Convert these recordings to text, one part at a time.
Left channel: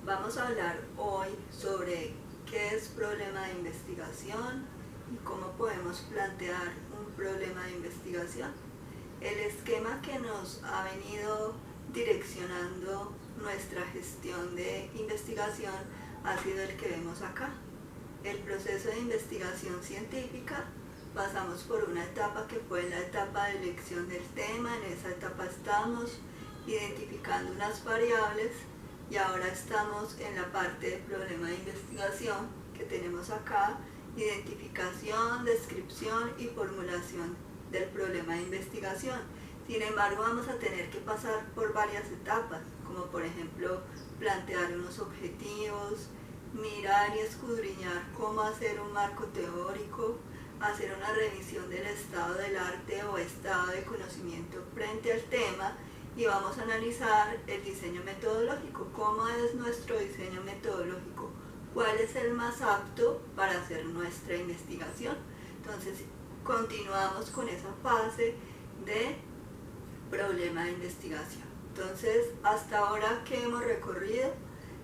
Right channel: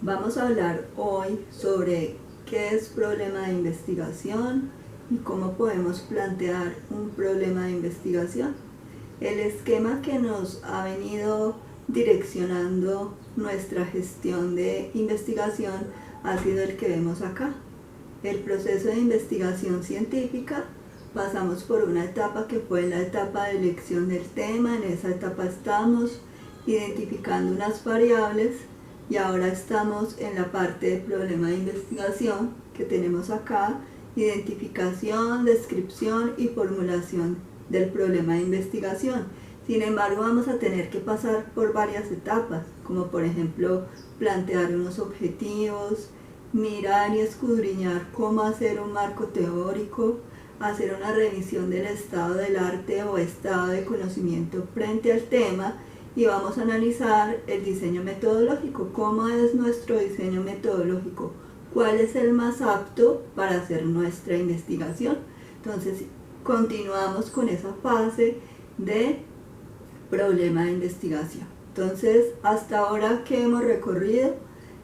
Vamos a hablar hoy sobre qué es problema de investigación y cómo podemos plantear un problema de investigación. El esquema que nos ha venido direccionando nuestra gestión de investigación ha sido el que vemos acá. El proceso de investigación científica, pasamos por una etapa que fue la etapa de elección del tema. En esa etapa estamos identificando unas variables y ahora estamos en la parte de problema de investigación que tenemos acá: identificación, descripción y formulación del problema de investigación. Sin embargo, vamos a tener que pasar por varias etapas, como por ejemplo plantear unos objetivos, mirar y escudriñar cómo hacer un marco teórico, hacer una revisión del estado del arte o estado de conocimiento frente al tema, y vamos a analizar el diseño metodológico. ¿Cómo es nuestro diseño metodológico? ¿Cuál es el más apto para hacer nuestra investigación? Entonces, continuamos con esa fase de problema de investigación. Entonces, hasta ahora, ¿qué hemos recorrido?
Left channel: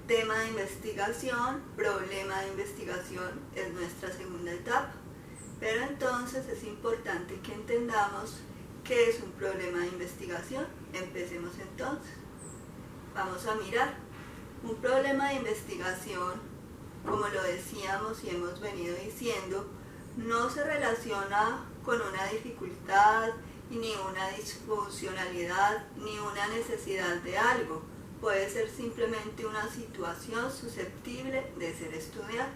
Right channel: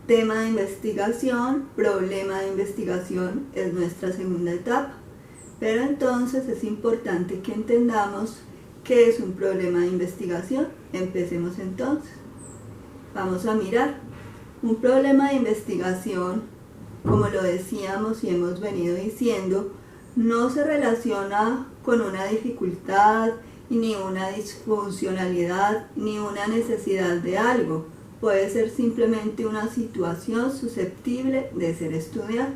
Tema de investigación, problema de investigación es nuestra segunda etapa. Pero entonces es importante que entendamos qué es un problema de investigación. Empecemos entonces. Vamos a mirar. Un problema de investigación, como lo decíamos y hemos venido diciendo, no se relaciona con una dificultad, ni una disfuncionalidad, ni una necesidad de algo. Puede ser simplemente una situación susceptible de ser estudiada.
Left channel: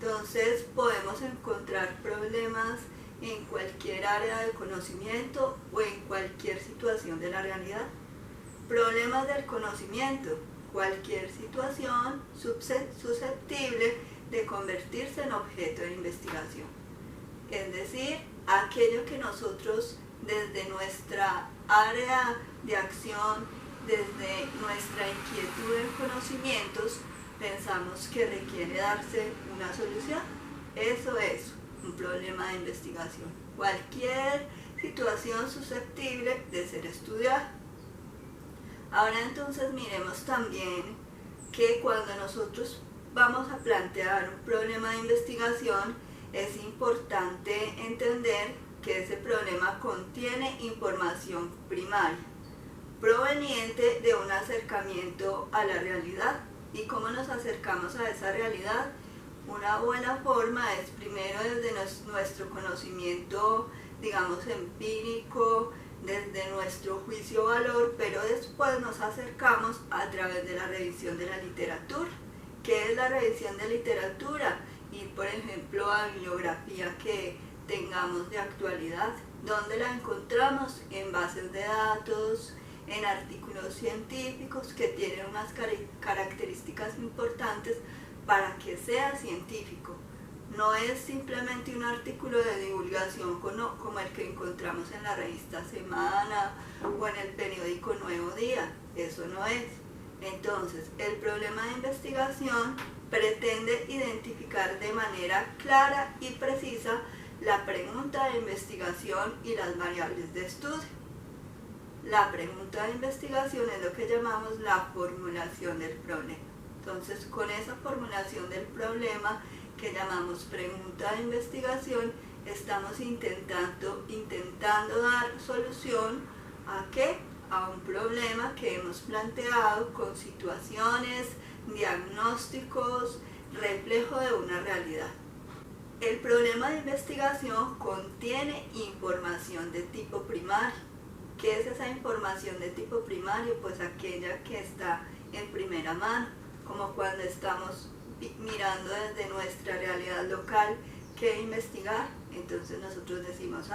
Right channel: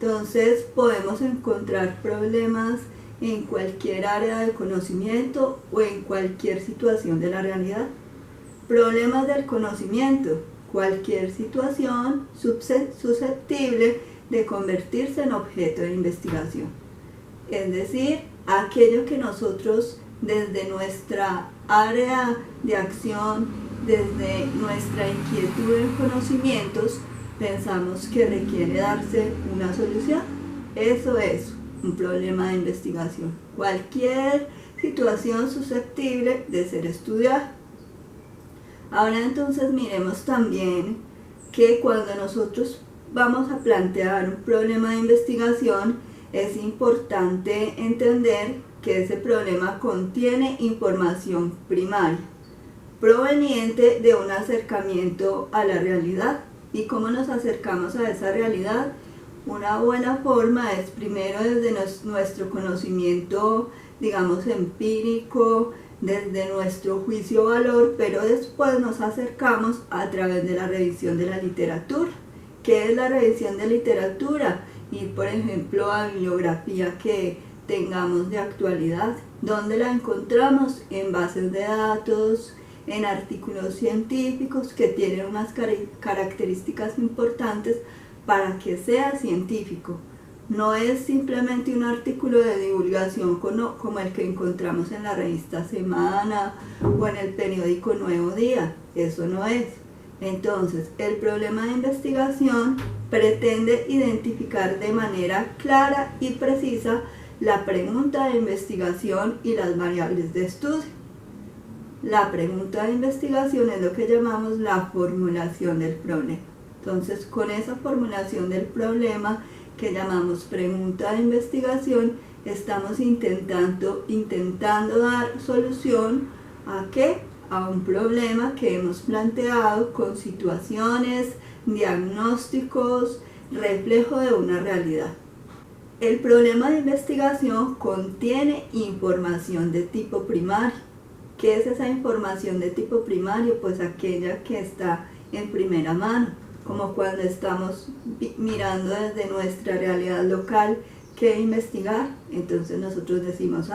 Entonces podemos encontrar problemas en cualquier área de conocimiento o en cualquier situación de la realidad. Problemas del conocimiento: cualquier situación susceptible de convertirse en objeto de investigación. Es decir, aquello que nosotros desde nuestra área de acción, desde nuestra inquietud en conocimientos, pensamos que requiere darse una solución. Eso es un problema de investigación. Cualquier situación susceptible de ser estudiada. Ahora entonces miremos también que cuando nosotros vamos a plantear un problema de investigación, es importante entender que ese problema contiene información primaria, proveniente de un acercamiento a la realidad. ¿Y cómo nos acercamos a esa realidad? Una buena forma es primero desde nuestro conocimiento, digamos, empírico, desde nuestro juicio-valor, pero después nos acercamos a través de la revisión de la literatura. ¿Qué es la revisión de literatura? Ir, por ejemplo, a bibliografía que tengamos de actualidad. ¿Dónde la encontramos? En bases de datos, en artículos científicos que tienen unas características importantes para que sea científico. No es simplemente un artículo de divulgación como el que encontramos en la revista Semana o en el periódico Nuevo Día. Eso no es. Entonces, el problema de investigación pretende identificar de manera clara y precisa la pregunta de investigación y las variables de estudio. La pregunta de investigación es lo que llamamos la formulación del problema. Entonces, con esa formulación del problema que llamamos pregunta de investigación, estamos intentando dar solución ¿a qué? A un problema que hemos planteado con situaciones, diagnósticos, reflejo de una realidad. El problema de investigación contiene información de tipo primario. ¿Qué es esa información de tipo primario? Pues aquella que está en primera mano, como cuando estamos mirando desde nuestra realidad local qué investigar. Entonces nosotros decimos,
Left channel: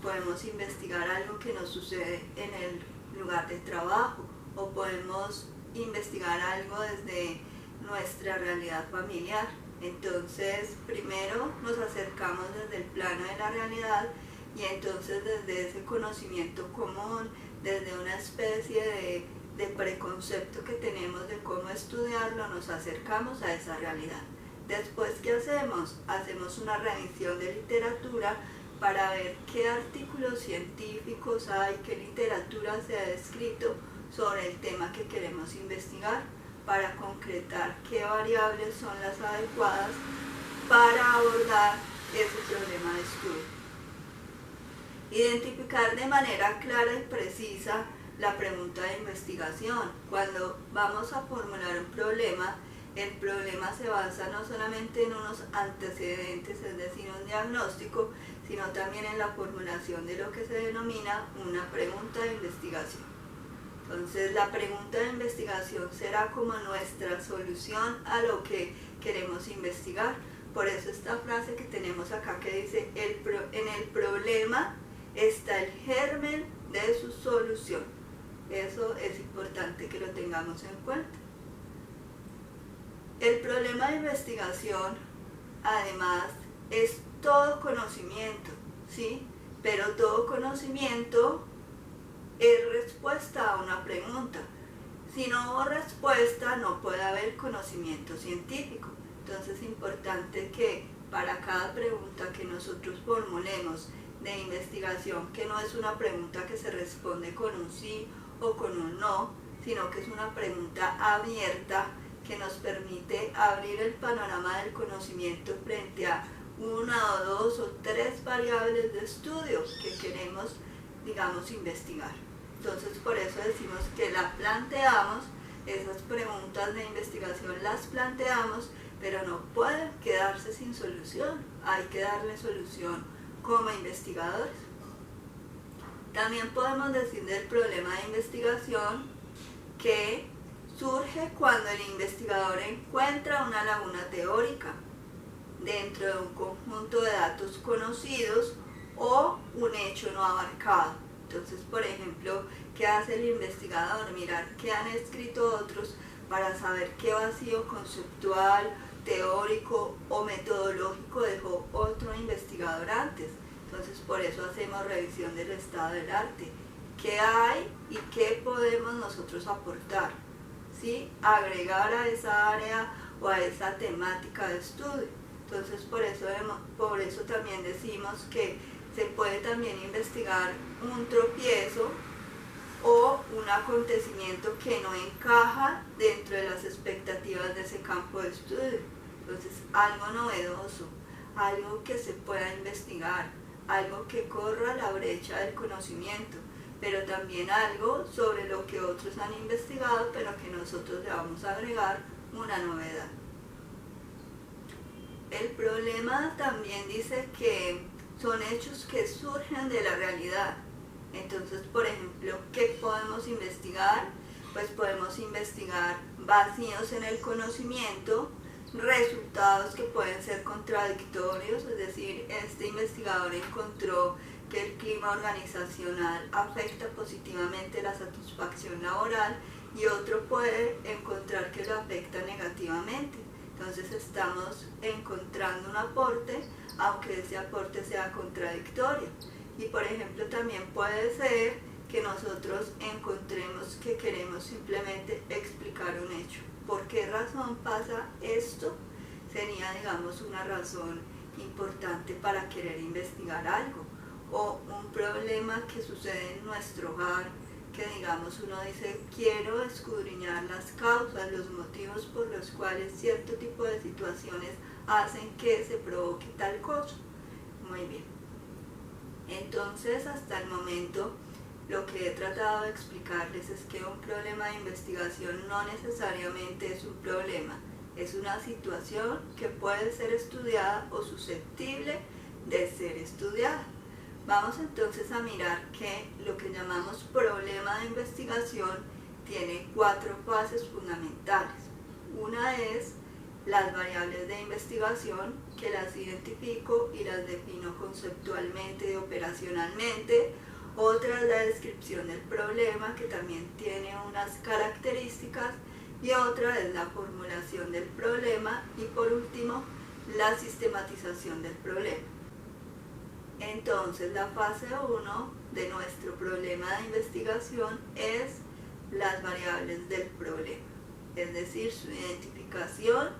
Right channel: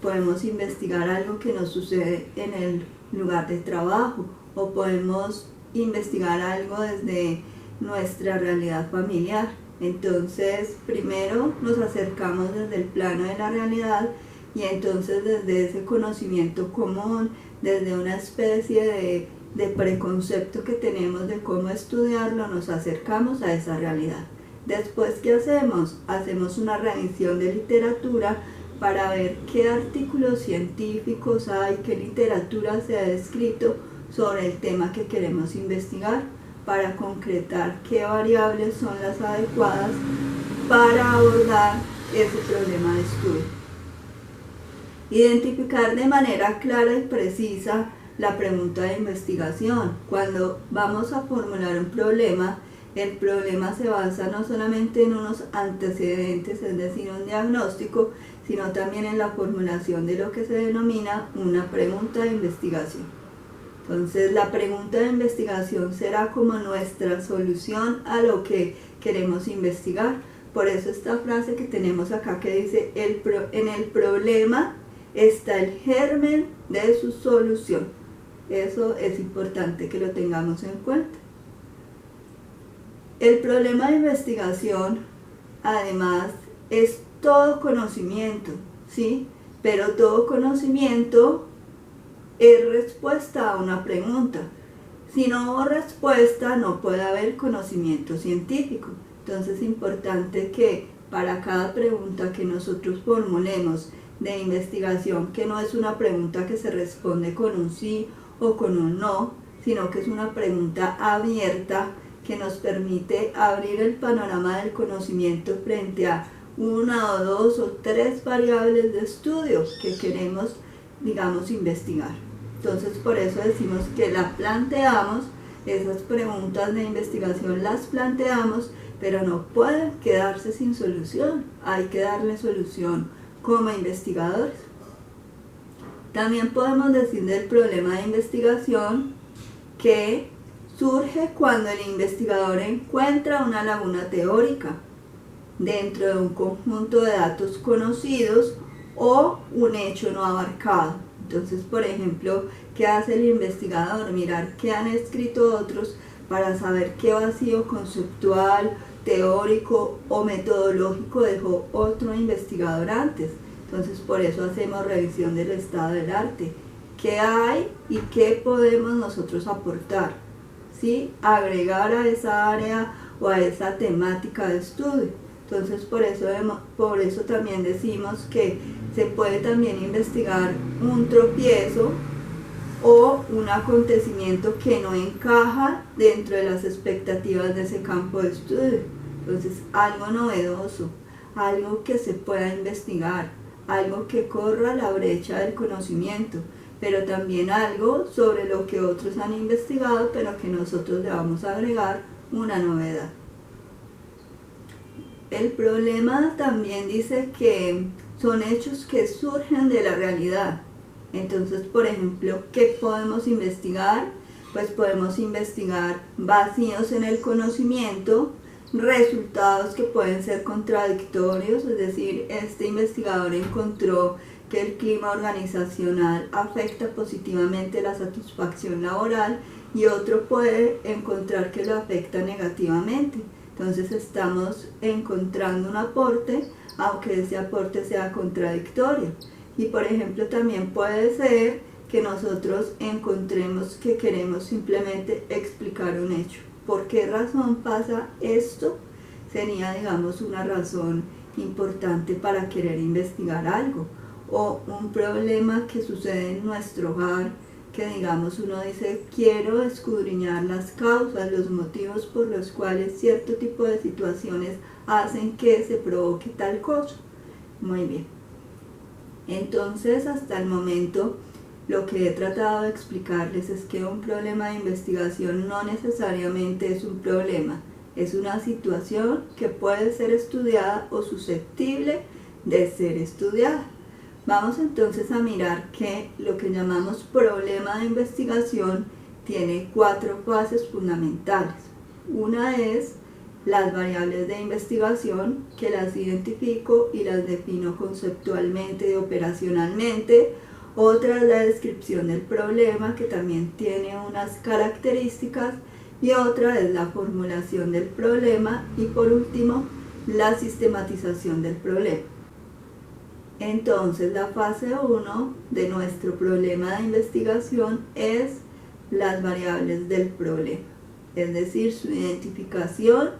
podemos investigar algo que nos sucede en el lugar de trabajo, o podemos investigar algo desde nuestra realidad familiar. Entonces primero nos acercamos desde el plano de la realidad, y entonces desde ese conocimiento común, desde una especie de preconcepto que tenemos de cómo estudiarlo, nos acercamos a esa realidad. Después, ¿qué hacemos? Hacemos una revisión de literatura para ver qué artículos científicos hay, qué literatura se ha descrito sobre el tema que queremos investigar. para concretar qué variables son las adecuadas para abordar ese problema de estudio. Identificar de manera clara y precisa la pregunta de investigación. Cuando vamos a formular un problema, el problema se basa no solamente en unos antecedentes, es decir, un diagnóstico, sino también en la formulación de lo que se denomina una pregunta de investigación. Entonces, la pregunta de investigación será como nuestra solución a lo que queremos investigar. Por eso esta frase que tenemos acá que dice, en el problema está el germen de su solución. Eso es importante que lo tengamos en cuenta. El problema de investigación, además, es todo conocimiento, ¿sí? Pero todo conocimiento es respuesta a una pregunta. Si no hubo respuesta, no puede haber conocimiento científico. Entonces es importante que para cada pregunta que nosotros formulemos de investigación, que no es una pregunta que se responde con un sí o con un no, sino que es una pregunta abierta que nos permite abrir el panorama del conocimiento frente a una o dos o tres variables de estudio que queremos, digamos, investigar. Entonces, por eso decimos que la planteamos, esas preguntas de investigación las planteamos, pero no pueden quedarse sin solución, hay que darle solución como investigadores. También podemos decir del problema de investigación que surge cuando el investigador encuentra una laguna teórica dentro de un conjunto de datos conocidos o un hecho no abarcado. Entonces, por ejemplo, ¿qué hace el investigador? Mirar qué han escrito otros para saber qué vacío conceptual, teórico o metodológico dejó otro investigador antes. Entonces, por eso hacemos revisión del estado del arte. ¿Qué hay y qué podemos nosotros aportar? ¿Sí? Agregar a esa área o a esa temática de estudio. Entonces, por eso también decimos que se puede también investigar un tropiezo o un acontecimiento que no encaja dentro de las expectativas de ese campo de estudio. Entonces, algo novedoso, algo que se pueda investigar, algo que corra la brecha del conocimiento, pero también algo sobre lo que otros han investigado, pero que nosotros le vamos a agregar una novedad. El problema también dice que son hechos que surgen de la realidad. Entonces, por ejemplo, ¿qué podemos investigar? Pues podemos investigar vacíos en el conocimiento, resultados que pueden ser contradictorios, es decir, este investigador encontró que el clima organizacional afecta positivamente la satisfacción laboral y otro puede encontrar que lo afecta negativamente. Entonces estamos encontrando un aporte, aunque ese aporte sea contradictorio. Y por ejemplo también puede ser que nosotros encontremos que queremos simplemente explicar un hecho. ¿Por qué razón pasa esto? Sería, digamos, una razón importante para querer investigar algo. O un problema que sucede en nuestro hogar, que digamos uno dice, quiero escudriñar las causas, los motivos por los cuales cierto tipo de situaciones hacen que se provoque tal cosa. Muy bien. Entonces, hasta el momento, lo que he tratado de explicarles es que un problema de investigación no necesariamente es un problema, es una situación que puede ser estudiada o susceptible de ser estudiada. Vamos entonces a mirar que lo que llamamos problema de investigación tiene 4 fases fundamentales. Una es las variables de investigación, que las identifico y las defino conceptualmente y operacionalmente. Otra es la descripción del problema, que también tiene unas características, y otra es la formulación del problema, y por último, la sistematización del problema. Entonces, la fase 1 de nuestro problema de investigación es las variables del problema, es decir, su identificación,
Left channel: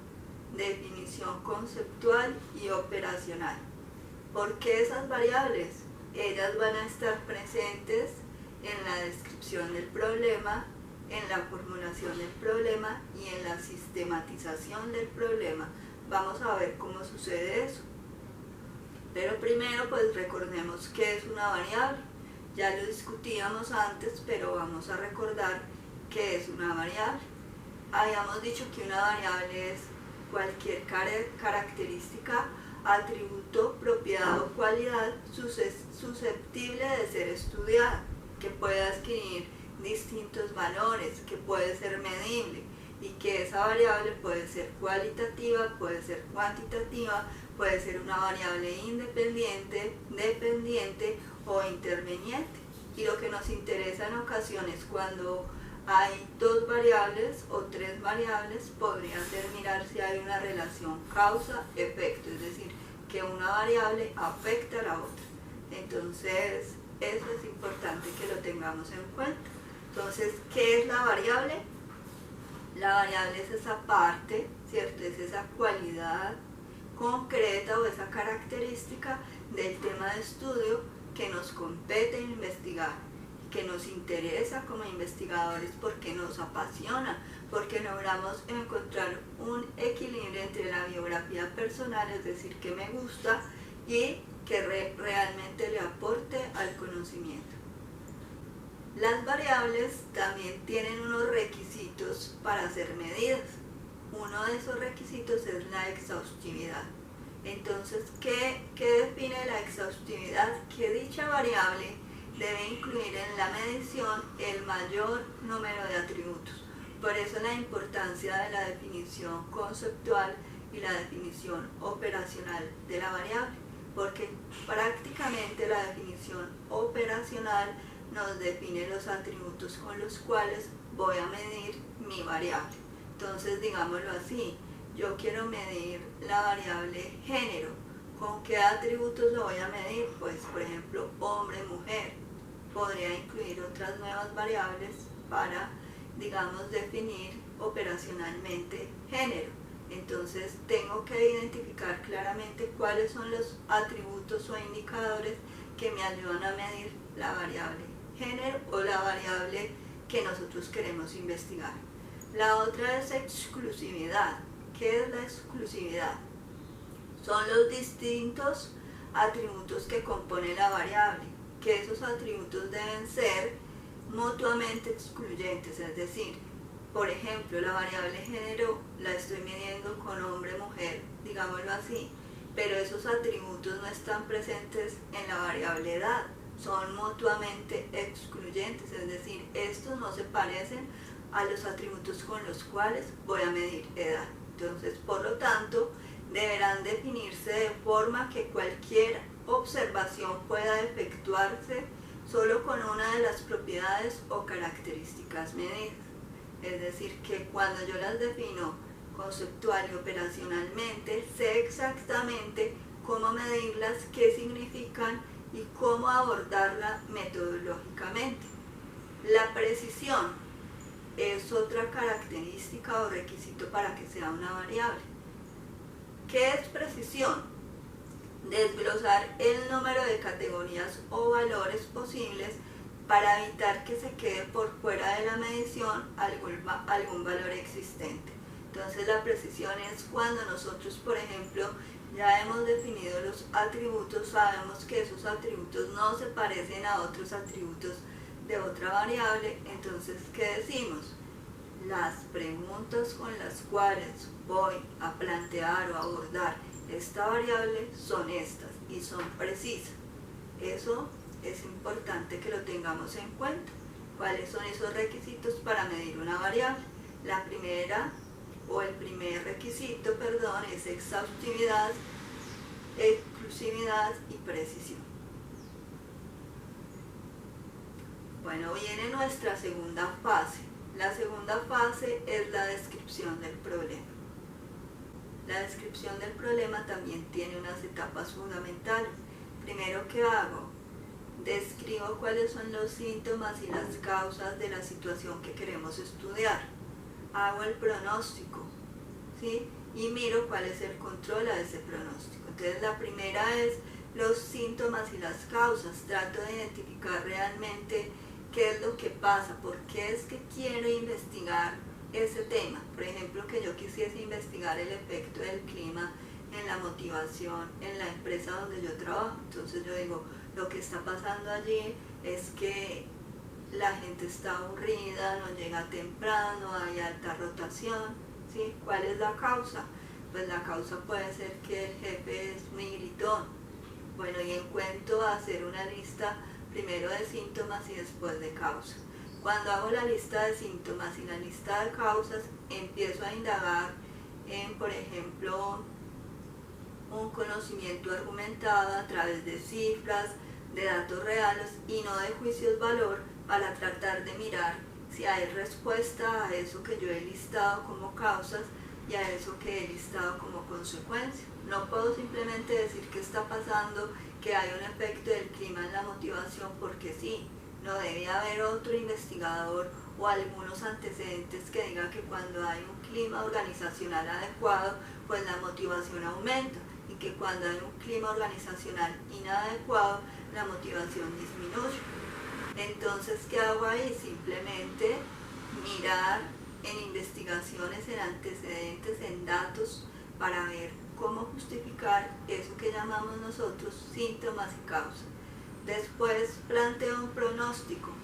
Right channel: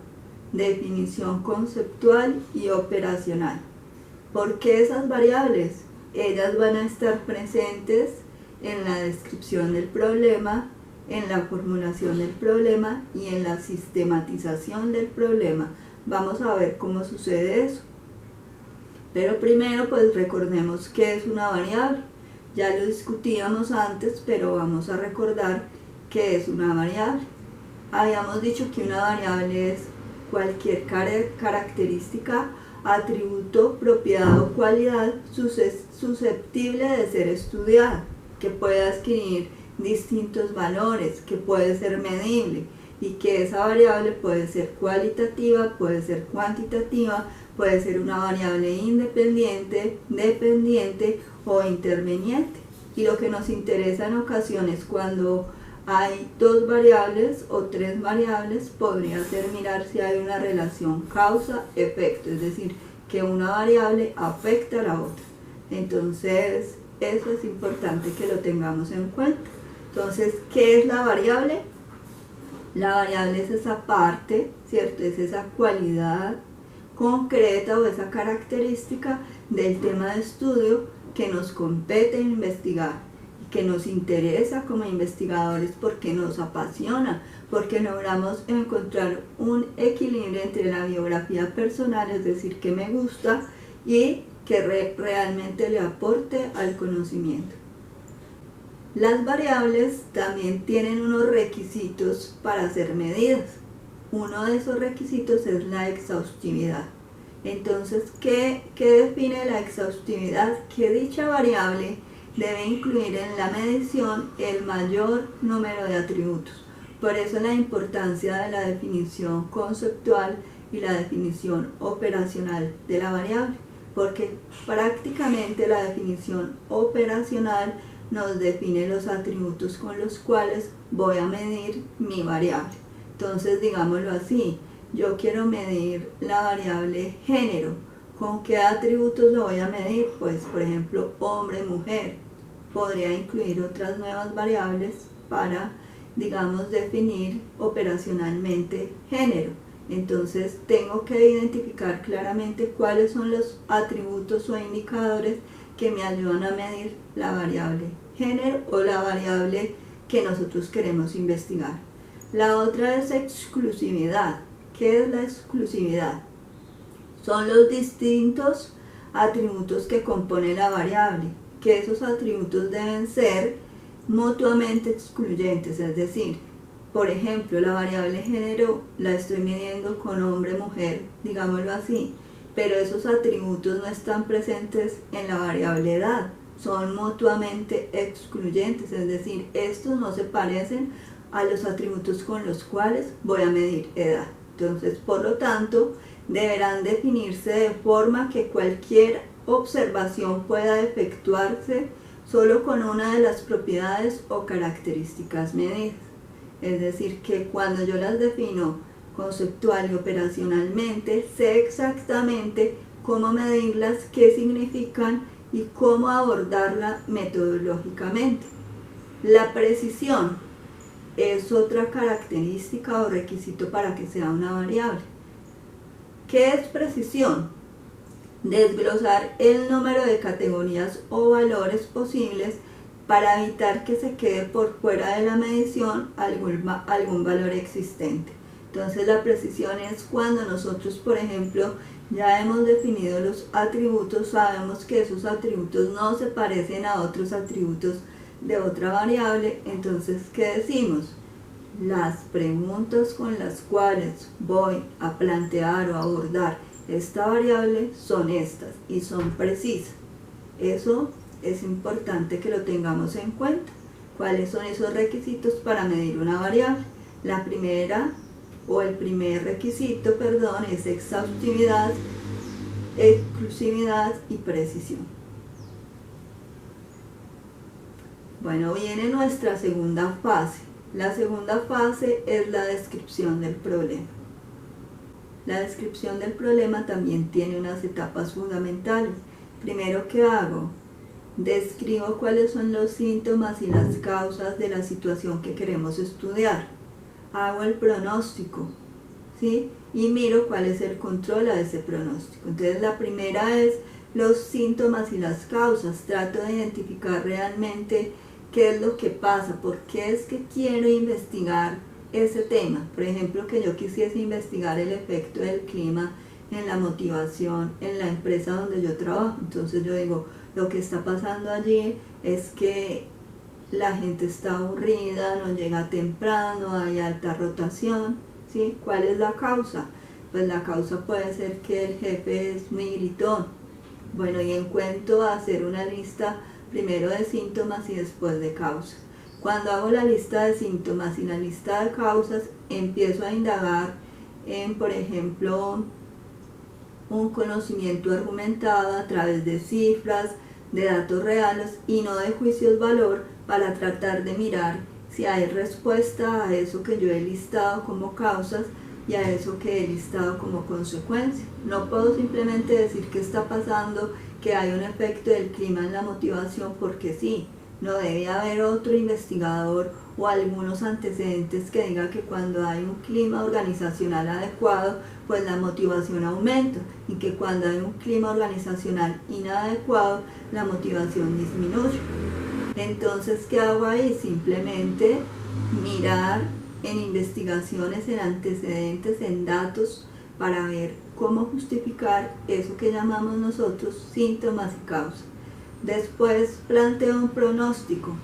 definición conceptual y operacional. ¿Por qué esas variables? Ellas van a estar presentes en la descripción del problema, en la formulación del problema y en la sistematización del problema. Vamos a ver cómo sucede eso. Pero primero pues recordemos qué es una variable. Ya lo discutíamos antes, pero vamos a recordar qué es una variable. Habíamos dicho que una variable es cualquier característica, atributo, propiedad o cualidad susceptible de ser estudiada, que puede adquirir distintos valores, que puede ser medible y que esa variable puede ser cualitativa, puede ser cuantitativa, puede ser una variable independiente, dependiente o interveniente. Y lo que nos interesa en ocasiones cuando hay dos variables o tres variables podría ser mirar si hay una relación causa-efecto, es decir, que una variable afecta a la otra. Entonces, eso es importante que lo tengamos en cuenta. Entonces, ¿qué es la variable? La variable es esa parte, ¿cierto? Es esa cualidad concreta o esa característica del tema de estudio que nos compete investigar y que nos interesa como investigadores porque nos apasiona, porque logramos encontrar un equilibrio entre la biografía personal, es decir, que me gusta y que realmente le aporte al conocimiento. Las variables también tienen unos requisitos para ser medidas. Uno de esos requisitos es la exhaustividad. Entonces, ¿qué define la exhaustividad? Que dicha variable debe incluir en la medición el mayor número de atributos. Por eso la importancia de la definición conceptual y la definición operacional de la variable, porque prácticamente la definición operacional nos define los atributos con los cuales voy a medir mi variable. Entonces, digámoslo así, yo quiero medir la variable género. ¿Con qué atributos lo voy a medir? Pues, por ejemplo, hombre, mujer. Podría incluir otras nuevas variables para, digamos, definir operacionalmente género. Entonces, tengo que identificar claramente cuáles son los atributos o indicadores que me ayudan a medir la variable género o la variable que nosotros queremos investigar. La otra es exclusividad. ¿Qué es la exclusividad? Son los distintos atributos que componen la variable, que esos atributos deben ser mutuamente excluyentes, es decir, por ejemplo, la variable género la estoy midiendo con hombre-mujer, digámoslo así, pero esos atributos no están presentes en la variable edad, son mutuamente excluyentes, es decir, estos no se parecen a los atributos con los cuales voy a medir edad. Entonces, por lo tanto, deberán definirse de forma que cualquier observación pueda efectuarse solo con una de las propiedades o características medidas. Es decir, que cuando yo las defino conceptual y operacionalmente, sé exactamente cómo medirlas, qué significan y cómo abordarla metodológicamente. La precisión es otra característica o requisito para que sea una variable. ¿Qué es precisión? Desglosar el número de categorías o valores posibles para evitar que se quede por fuera de la medición algún valor existente. Entonces la precisión es cuando nosotros, por ejemplo, ya hemos definido los atributos, sabemos que esos atributos no se parecen a otros atributos de otra variable, entonces ¿qué decimos? Las preguntas con las cuales voy a plantear o abordar esta variable son estas y son precisas. Eso es importante que lo tengamos en cuenta. ¿Cuáles son esos requisitos para medir una variable? La primera o el primer requisito, perdón, es exhaustividad, exclusividad y precisión. Bueno, viene nuestra segunda fase. La segunda fase es la descripción del problema. La descripción del problema también tiene unas etapas fundamentales. Primero, ¿qué hago? Describo cuáles son los síntomas y las causas de la situación que queremos estudiar. Hago el pronóstico, ¿sí? Y miro cuál es el control a ese pronóstico. Entonces, la primera es los síntomas y las causas. Trato de identificar realmente qué es lo que pasa, por qué es que quiero investigar ese tema. Por ejemplo, que yo quisiese investigar el efecto del clima en la motivación en la empresa donde yo trabajo. Entonces yo digo, lo que está pasando allí es que la gente está aburrida, no llega temprano, hay alta rotación, ¿sí? ¿Cuál es la causa? Pues la causa puede ser que el jefe es muy gritón. Bueno, y encuentro a hacer una lista primero de síntomas y después de causas. Cuando hago la lista de síntomas y la lista de causas, empiezo a indagar en, por ejemplo, un conocimiento argumentado a través de cifras, de datos reales y no de juicios valor, para tratar de mirar si hay respuesta a eso que yo he listado como causas y a eso que he listado como consecuencia. No puedo simplemente decir que está pasando, que hay un efecto del clima en la motivación porque sí. No debe haber otro investigador o algunos antecedentes que diga que cuando hay un clima organizacional adecuado, pues la motivación aumenta, y que cuando hay un clima organizacional inadecuado, la motivación disminuye. Entonces, ¿qué hago ahí? Simplemente mirar en investigaciones, en antecedentes, en datos, para ver cómo justificar eso que llamamos nosotros síntomas y causas. Después planteo un pronóstico.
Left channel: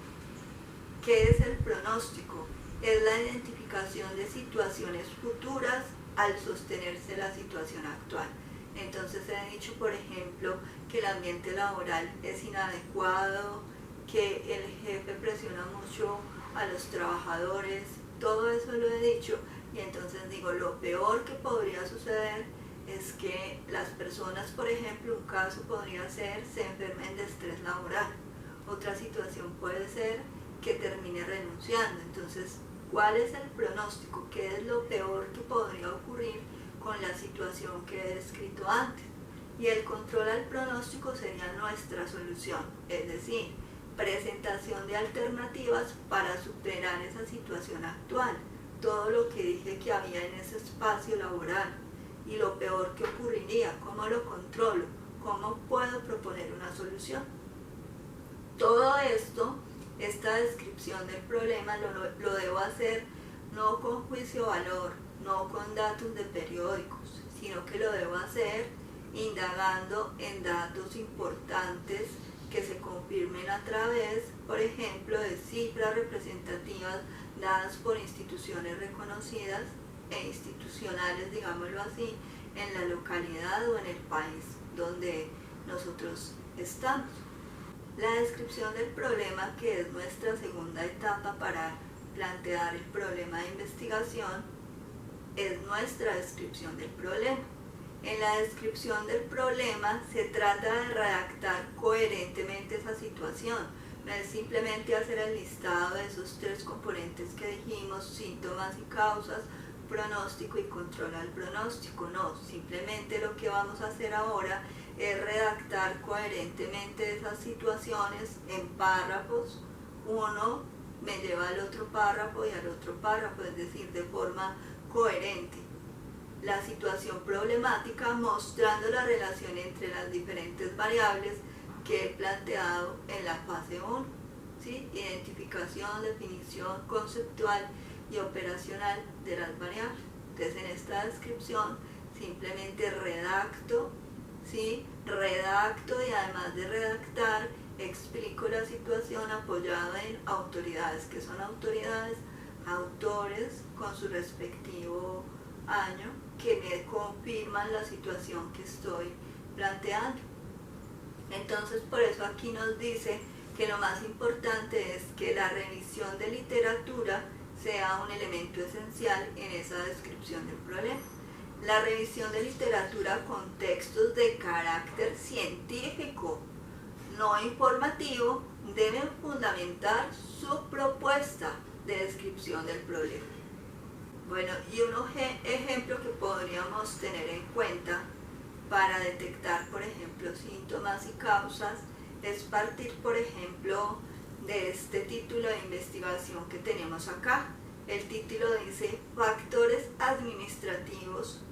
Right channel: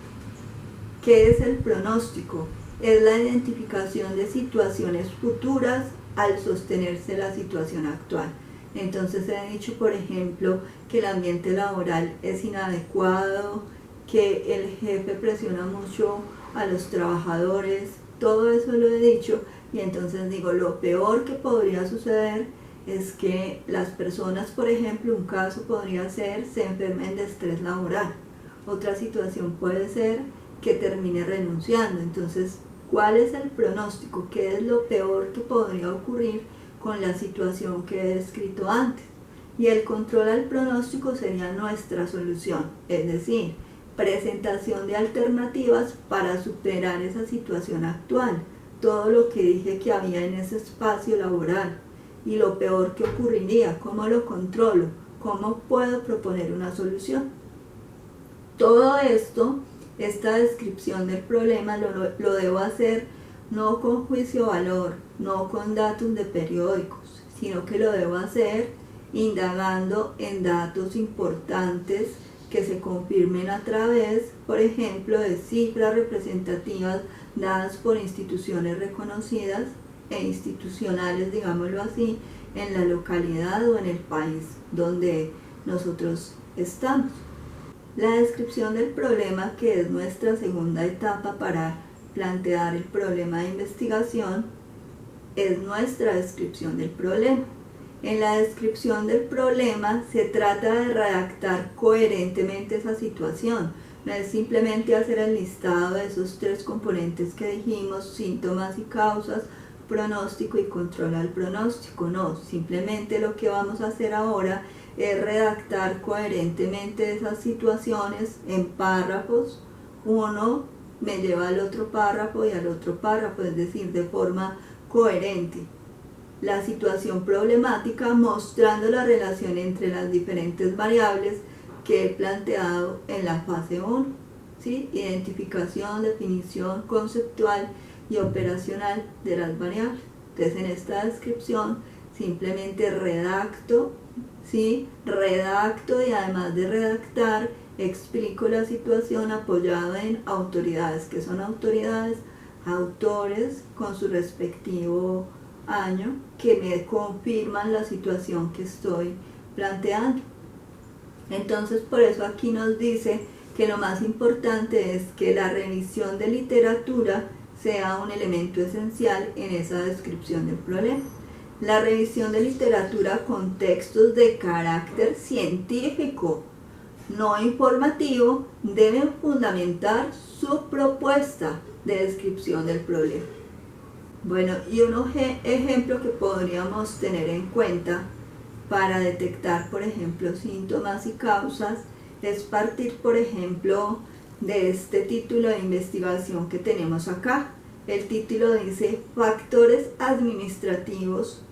¿Qué es el pronóstico? Es la identificación de situaciones futuras al sostenerse la situación actual. Entonces he dicho, por ejemplo, que el ambiente laboral es inadecuado, que el jefe presiona mucho a los trabajadores, todo eso lo he dicho, y entonces digo, lo peor que podría suceder es que las personas, por ejemplo, un caso podría ser se enfermen de estrés laboral. Otra situación puede ser que termine renunciando. Entonces, ¿cuál es el pronóstico? ¿Qué es lo peor que podría ocurrir con la situación que he descrito antes? Y el control al pronóstico sería nuestra solución, es decir, presentación de alternativas para superar esa situación actual, todo lo que dije que había en ese espacio laboral y lo peor que ocurriría, cómo lo controlo, cómo puedo proponer una solución. Todo esto, esta descripción del problema lo debo hacer no con juicio valor, no con datos de periódicos, sino que lo debo hacer indagando en datos importantes que se confirmen a través, por ejemplo, de cifras representativas dadas por instituciones reconocidas e institucionales, digámoslo así, en la localidad o en el país donde nosotros estamos. La descripción del problema, que es nuestra segunda etapa para plantear el problema de investigación, es nuestra descripción del problema. En la descripción del problema se trata de redactar coherentemente esa situación. No es simplemente hacer el listado de esos tres componentes que dijimos, síntomas y causas, pronóstico y control al pronóstico. No, simplemente lo que vamos a hacer ahora es redactar coherentemente esas situaciones en párrafos. Uno me lleva al otro párrafo y al otro párrafo, es decir, de forma coherente. La situación problemática mostrando la relación entre las diferentes variables que he planteado en la fase 1, ¿sí? Identificación, definición conceptual y operacional de las variables. Entonces, en esta descripción simplemente redacto, ¿sí? Redacto, y además de redactar, explico la situación apoyado en autoridades. ¿Qué son autoridades? Autores con su respectivo año que me confirman la situación que estoy planteando. Entonces, por eso aquí nos dice que lo más importante es que la revisión de literatura sea un elemento esencial en esa descripción del problema. La revisión de literatura con textos de carácter científico, no informativo, deben fundamentar su propuesta de descripción del problema. Bueno, y un ejemplo que podríamos tener en cuenta para detectar, por ejemplo, síntomas y causas, es partir, por ejemplo, de este título de investigación que tenemos acá. El título dice Factores administrativos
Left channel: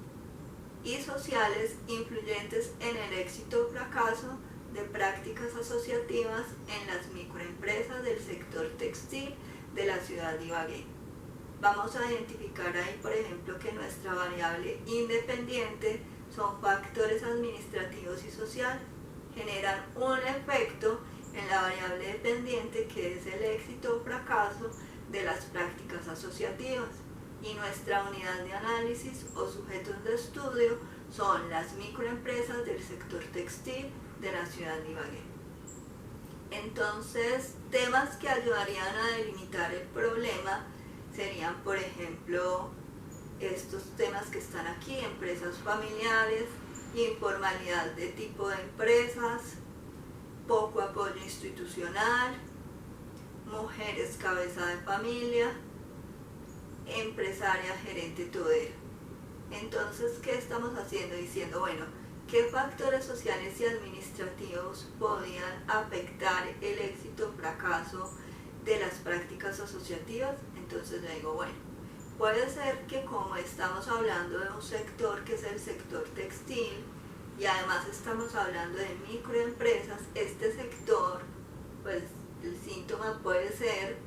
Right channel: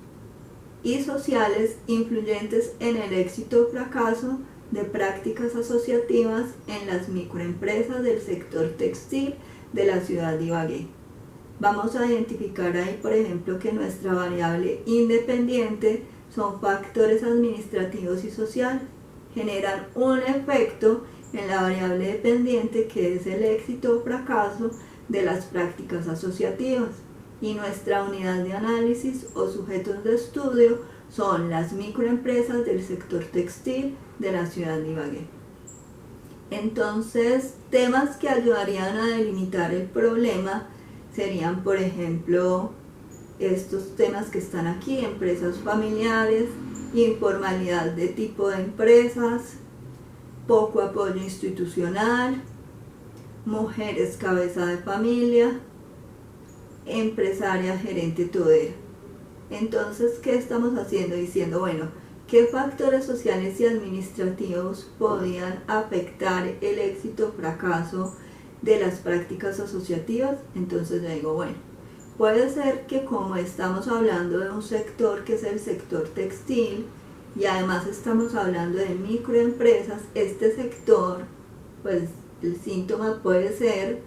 y sociales influyentes en el éxito o fracaso de prácticas asociativas en las microempresas del sector textil de la ciudad de Ibagué. Vamos a identificar ahí, por ejemplo, que nuestra variable independiente son factores administrativos y sociales. Generan un efecto en la variable dependiente, que es el éxito o fracaso de las prácticas asociativas. Y nuestra unidad de análisis o sujetos de estudio son las microempresas del sector textil de la ciudad de Ibagué. Entonces, temas que ayudarían a delimitar el problema serían, por ejemplo, estos temas que están aquí: empresas familiares, informalidad de tipo de empresas, poco apoyo institucional, mujeres cabeza de familia, empresaria gerente todera. Entonces, ¿qué estamos haciendo? Diciendo, bueno, ¿qué factores sociales y administrativos podían afectar el éxito o fracaso de las prácticas asociativas? Entonces yo digo, bueno, puede ser que como estamos hablando de un sector que es el sector textil y además estamos hablando de microempresas, este sector, pues el síntoma puede ser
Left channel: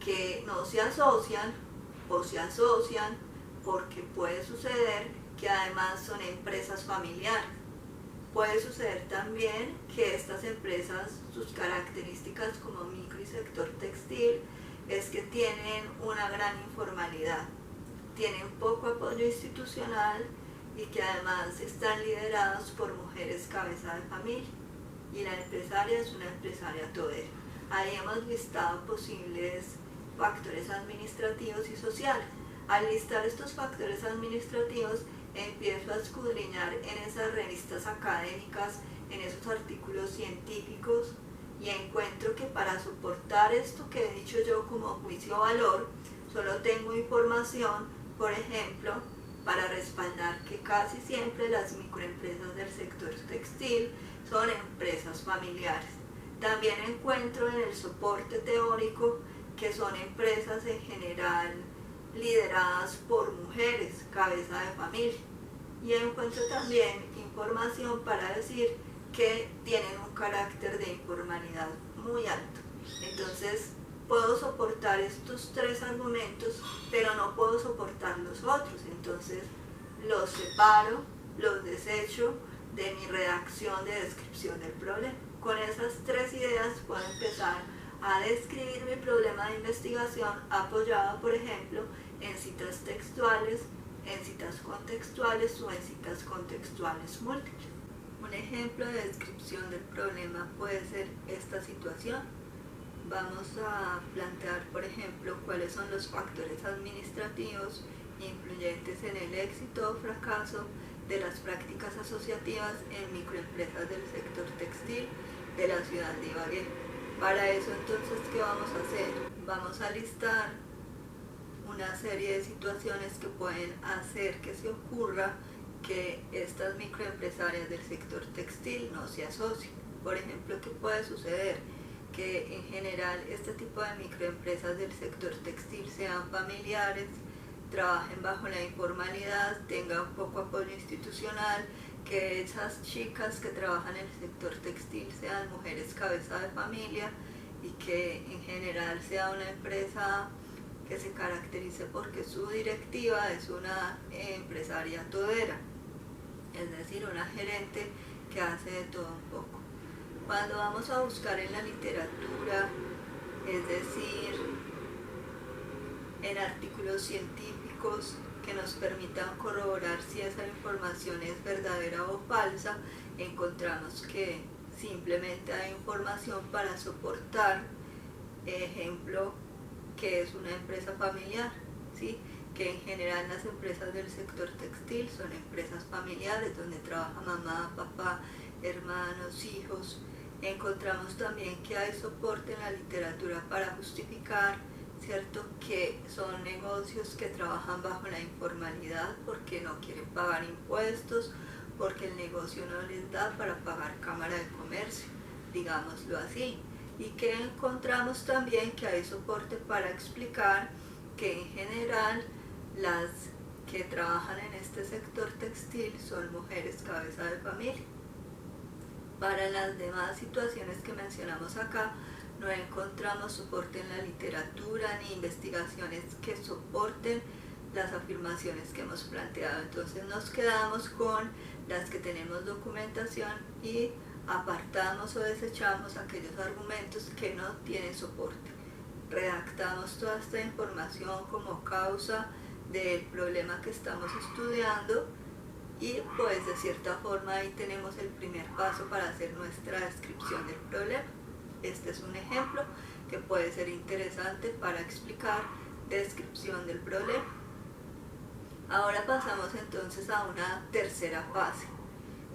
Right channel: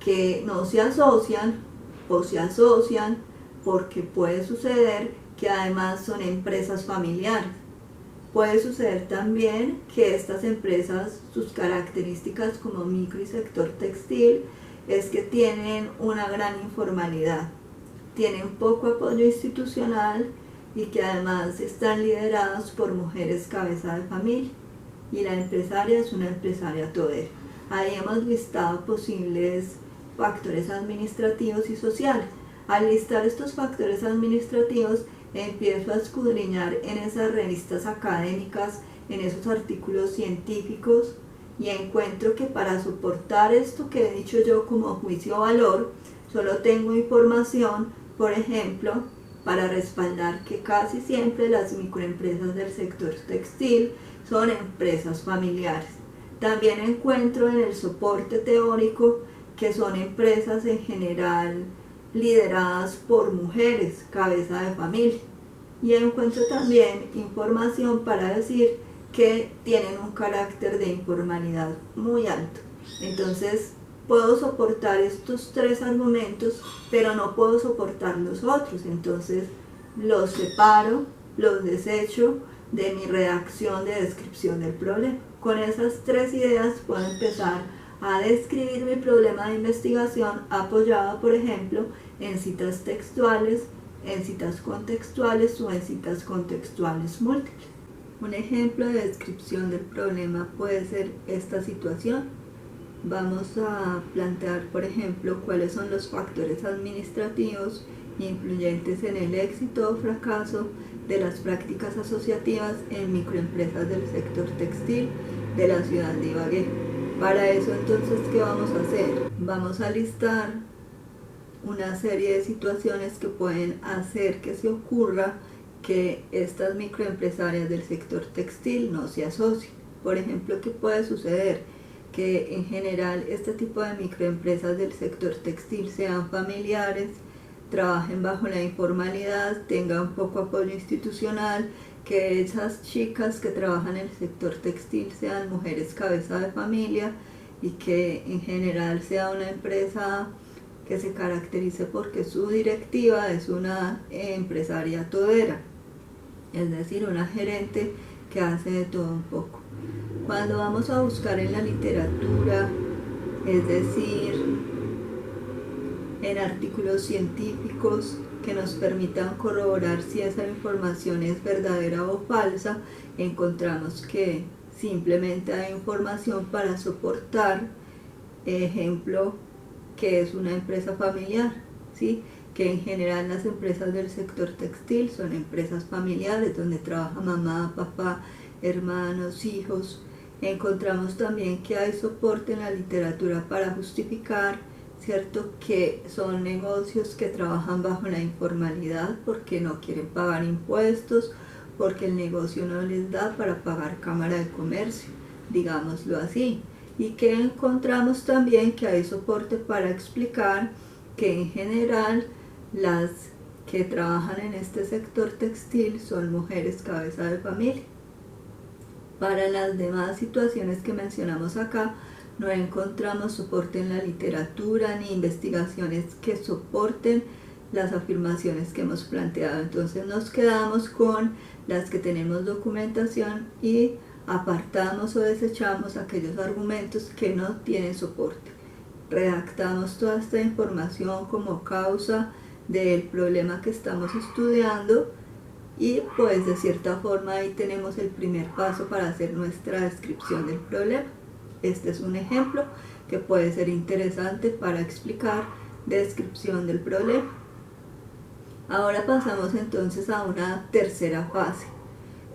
que no se asocian o se asocian porque puede suceder que además son empresas familiares. Puede suceder también que estas empresas, sus características como micro y sector textil, es que tienen una gran informalidad, tienen poco apoyo institucional y que además están liderados por mujeres cabeza de familia, y la empresaria es una empresaria todera. Ahí hemos listado posibles factores administrativos y sociales. Al listar estos factores administrativos, empiezo a escudriñar en esas revistas académicas, en esos artículos científicos, y encuentro que para soportar esto que he dicho yo como juicio-valor, solo tengo información, por ejemplo, para respaldar que casi siempre las microempresas del sector textil son empresas familiares. También encuentro en el soporte teórico que son empresas en general lideradas por mujeres, cabeza de familia. Y encuentro también información para decir que tienen un carácter de informalidad muy alto. Entonces, puedo soportar estos tres argumentos, pero no puedo soportar los otros. Entonces, los separo, los desecho de mi redacción de descripción del problema. Con esas tres ideas puedo empezar a describir mi problema de investigación apoyado, por ejemplo, en citas textuales, en citas contextuales o en citas contextuales múltiples. Un ejemplo de descripción del problema puede ser esta situación. Vamos a plantear, por ejemplo, cuáles son los factores administrativos influyentes en el éxito o fracaso de las prácticas asociativas en microempresas del sector textil de la ciudad de Ibagué. Para eso, entonces, ¿qué vamos a hacer? Vamos a listar una serie de situaciones que pueden hacer que se ocurra que estas microempresarias del sector textil no se asocien. Por ejemplo, ¿qué puede suceder? Que en general este tipo de microempresas del sector textil sean familiares, trabajen bajo la informalidad, tengan poco apoyo institucional, que esas chicas que trabajan en el sector textil sean mujeres cabeza de familia y que en general sea una empresa que se caracterice porque su directiva es una empresaria todera, es decir, una gerente que hace de todo un poco. Cuando vamos a buscar en la literatura, es decir, en artículos científicos que nos permitan corroborar si esa información es verdadera o falsa, encontramos que simplemente hay información para soportar, ejemplo, que es una empresa familiar, ¿sí? Que en general las empresas del sector textil son empresas familiares donde trabaja mamá, papá, hermanos, hijos. Encontramos también que hay soporte en la literatura para justificar, ¿cierto?, que son negocios que trabajan bajo la informalidad porque no quieren pagar impuestos, porque el negocio no les da para pagar cámara de comercio, digámoslo así. Y que encontramos también que hay soporte para explicar que en general las que trabajan en este sector textil son mujeres cabeza de familia. Para las demás situaciones que mencionamos acá, no encontramos soporte en la literatura ni investigaciones que soporten las afirmaciones que hemos planteado. Entonces nos quedamos con las que tenemos documentación y apartamos o desechamos aquellos argumentos que no tienen soporte. Redactamos toda esta información como causa del problema que estamos estudiando y pues de cierta forma ahí tenemos el primer paso para hacer nuestra descripción del problema. Este es un ejemplo que puede ser interesante para explicar descripción del problema. Ahora pasamos entonces a una tercera fase.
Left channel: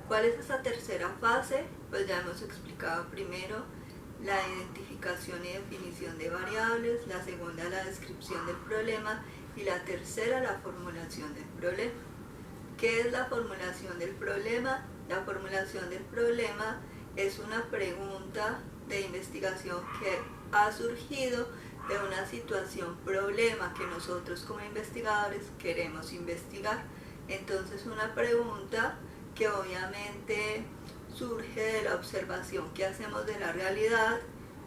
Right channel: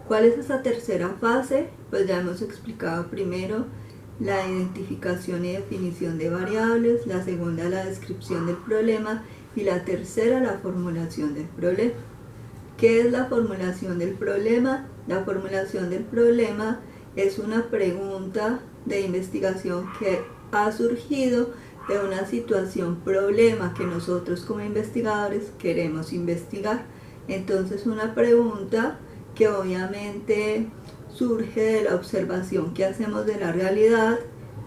¿Cuál es esa tercera fase? Pues ya hemos explicado primero la identificación y definición de variables, la segunda la descripción del problema y la tercera la formulación del problema. ¿Qué es la formulación del problema? La formulación del problema es una pregunta de investigación que ha surgido de una situación problema que nosotros como investigadores queremos investigar. Entonces una pregunta que obviamente surge de la observación que hacemos de la realidad,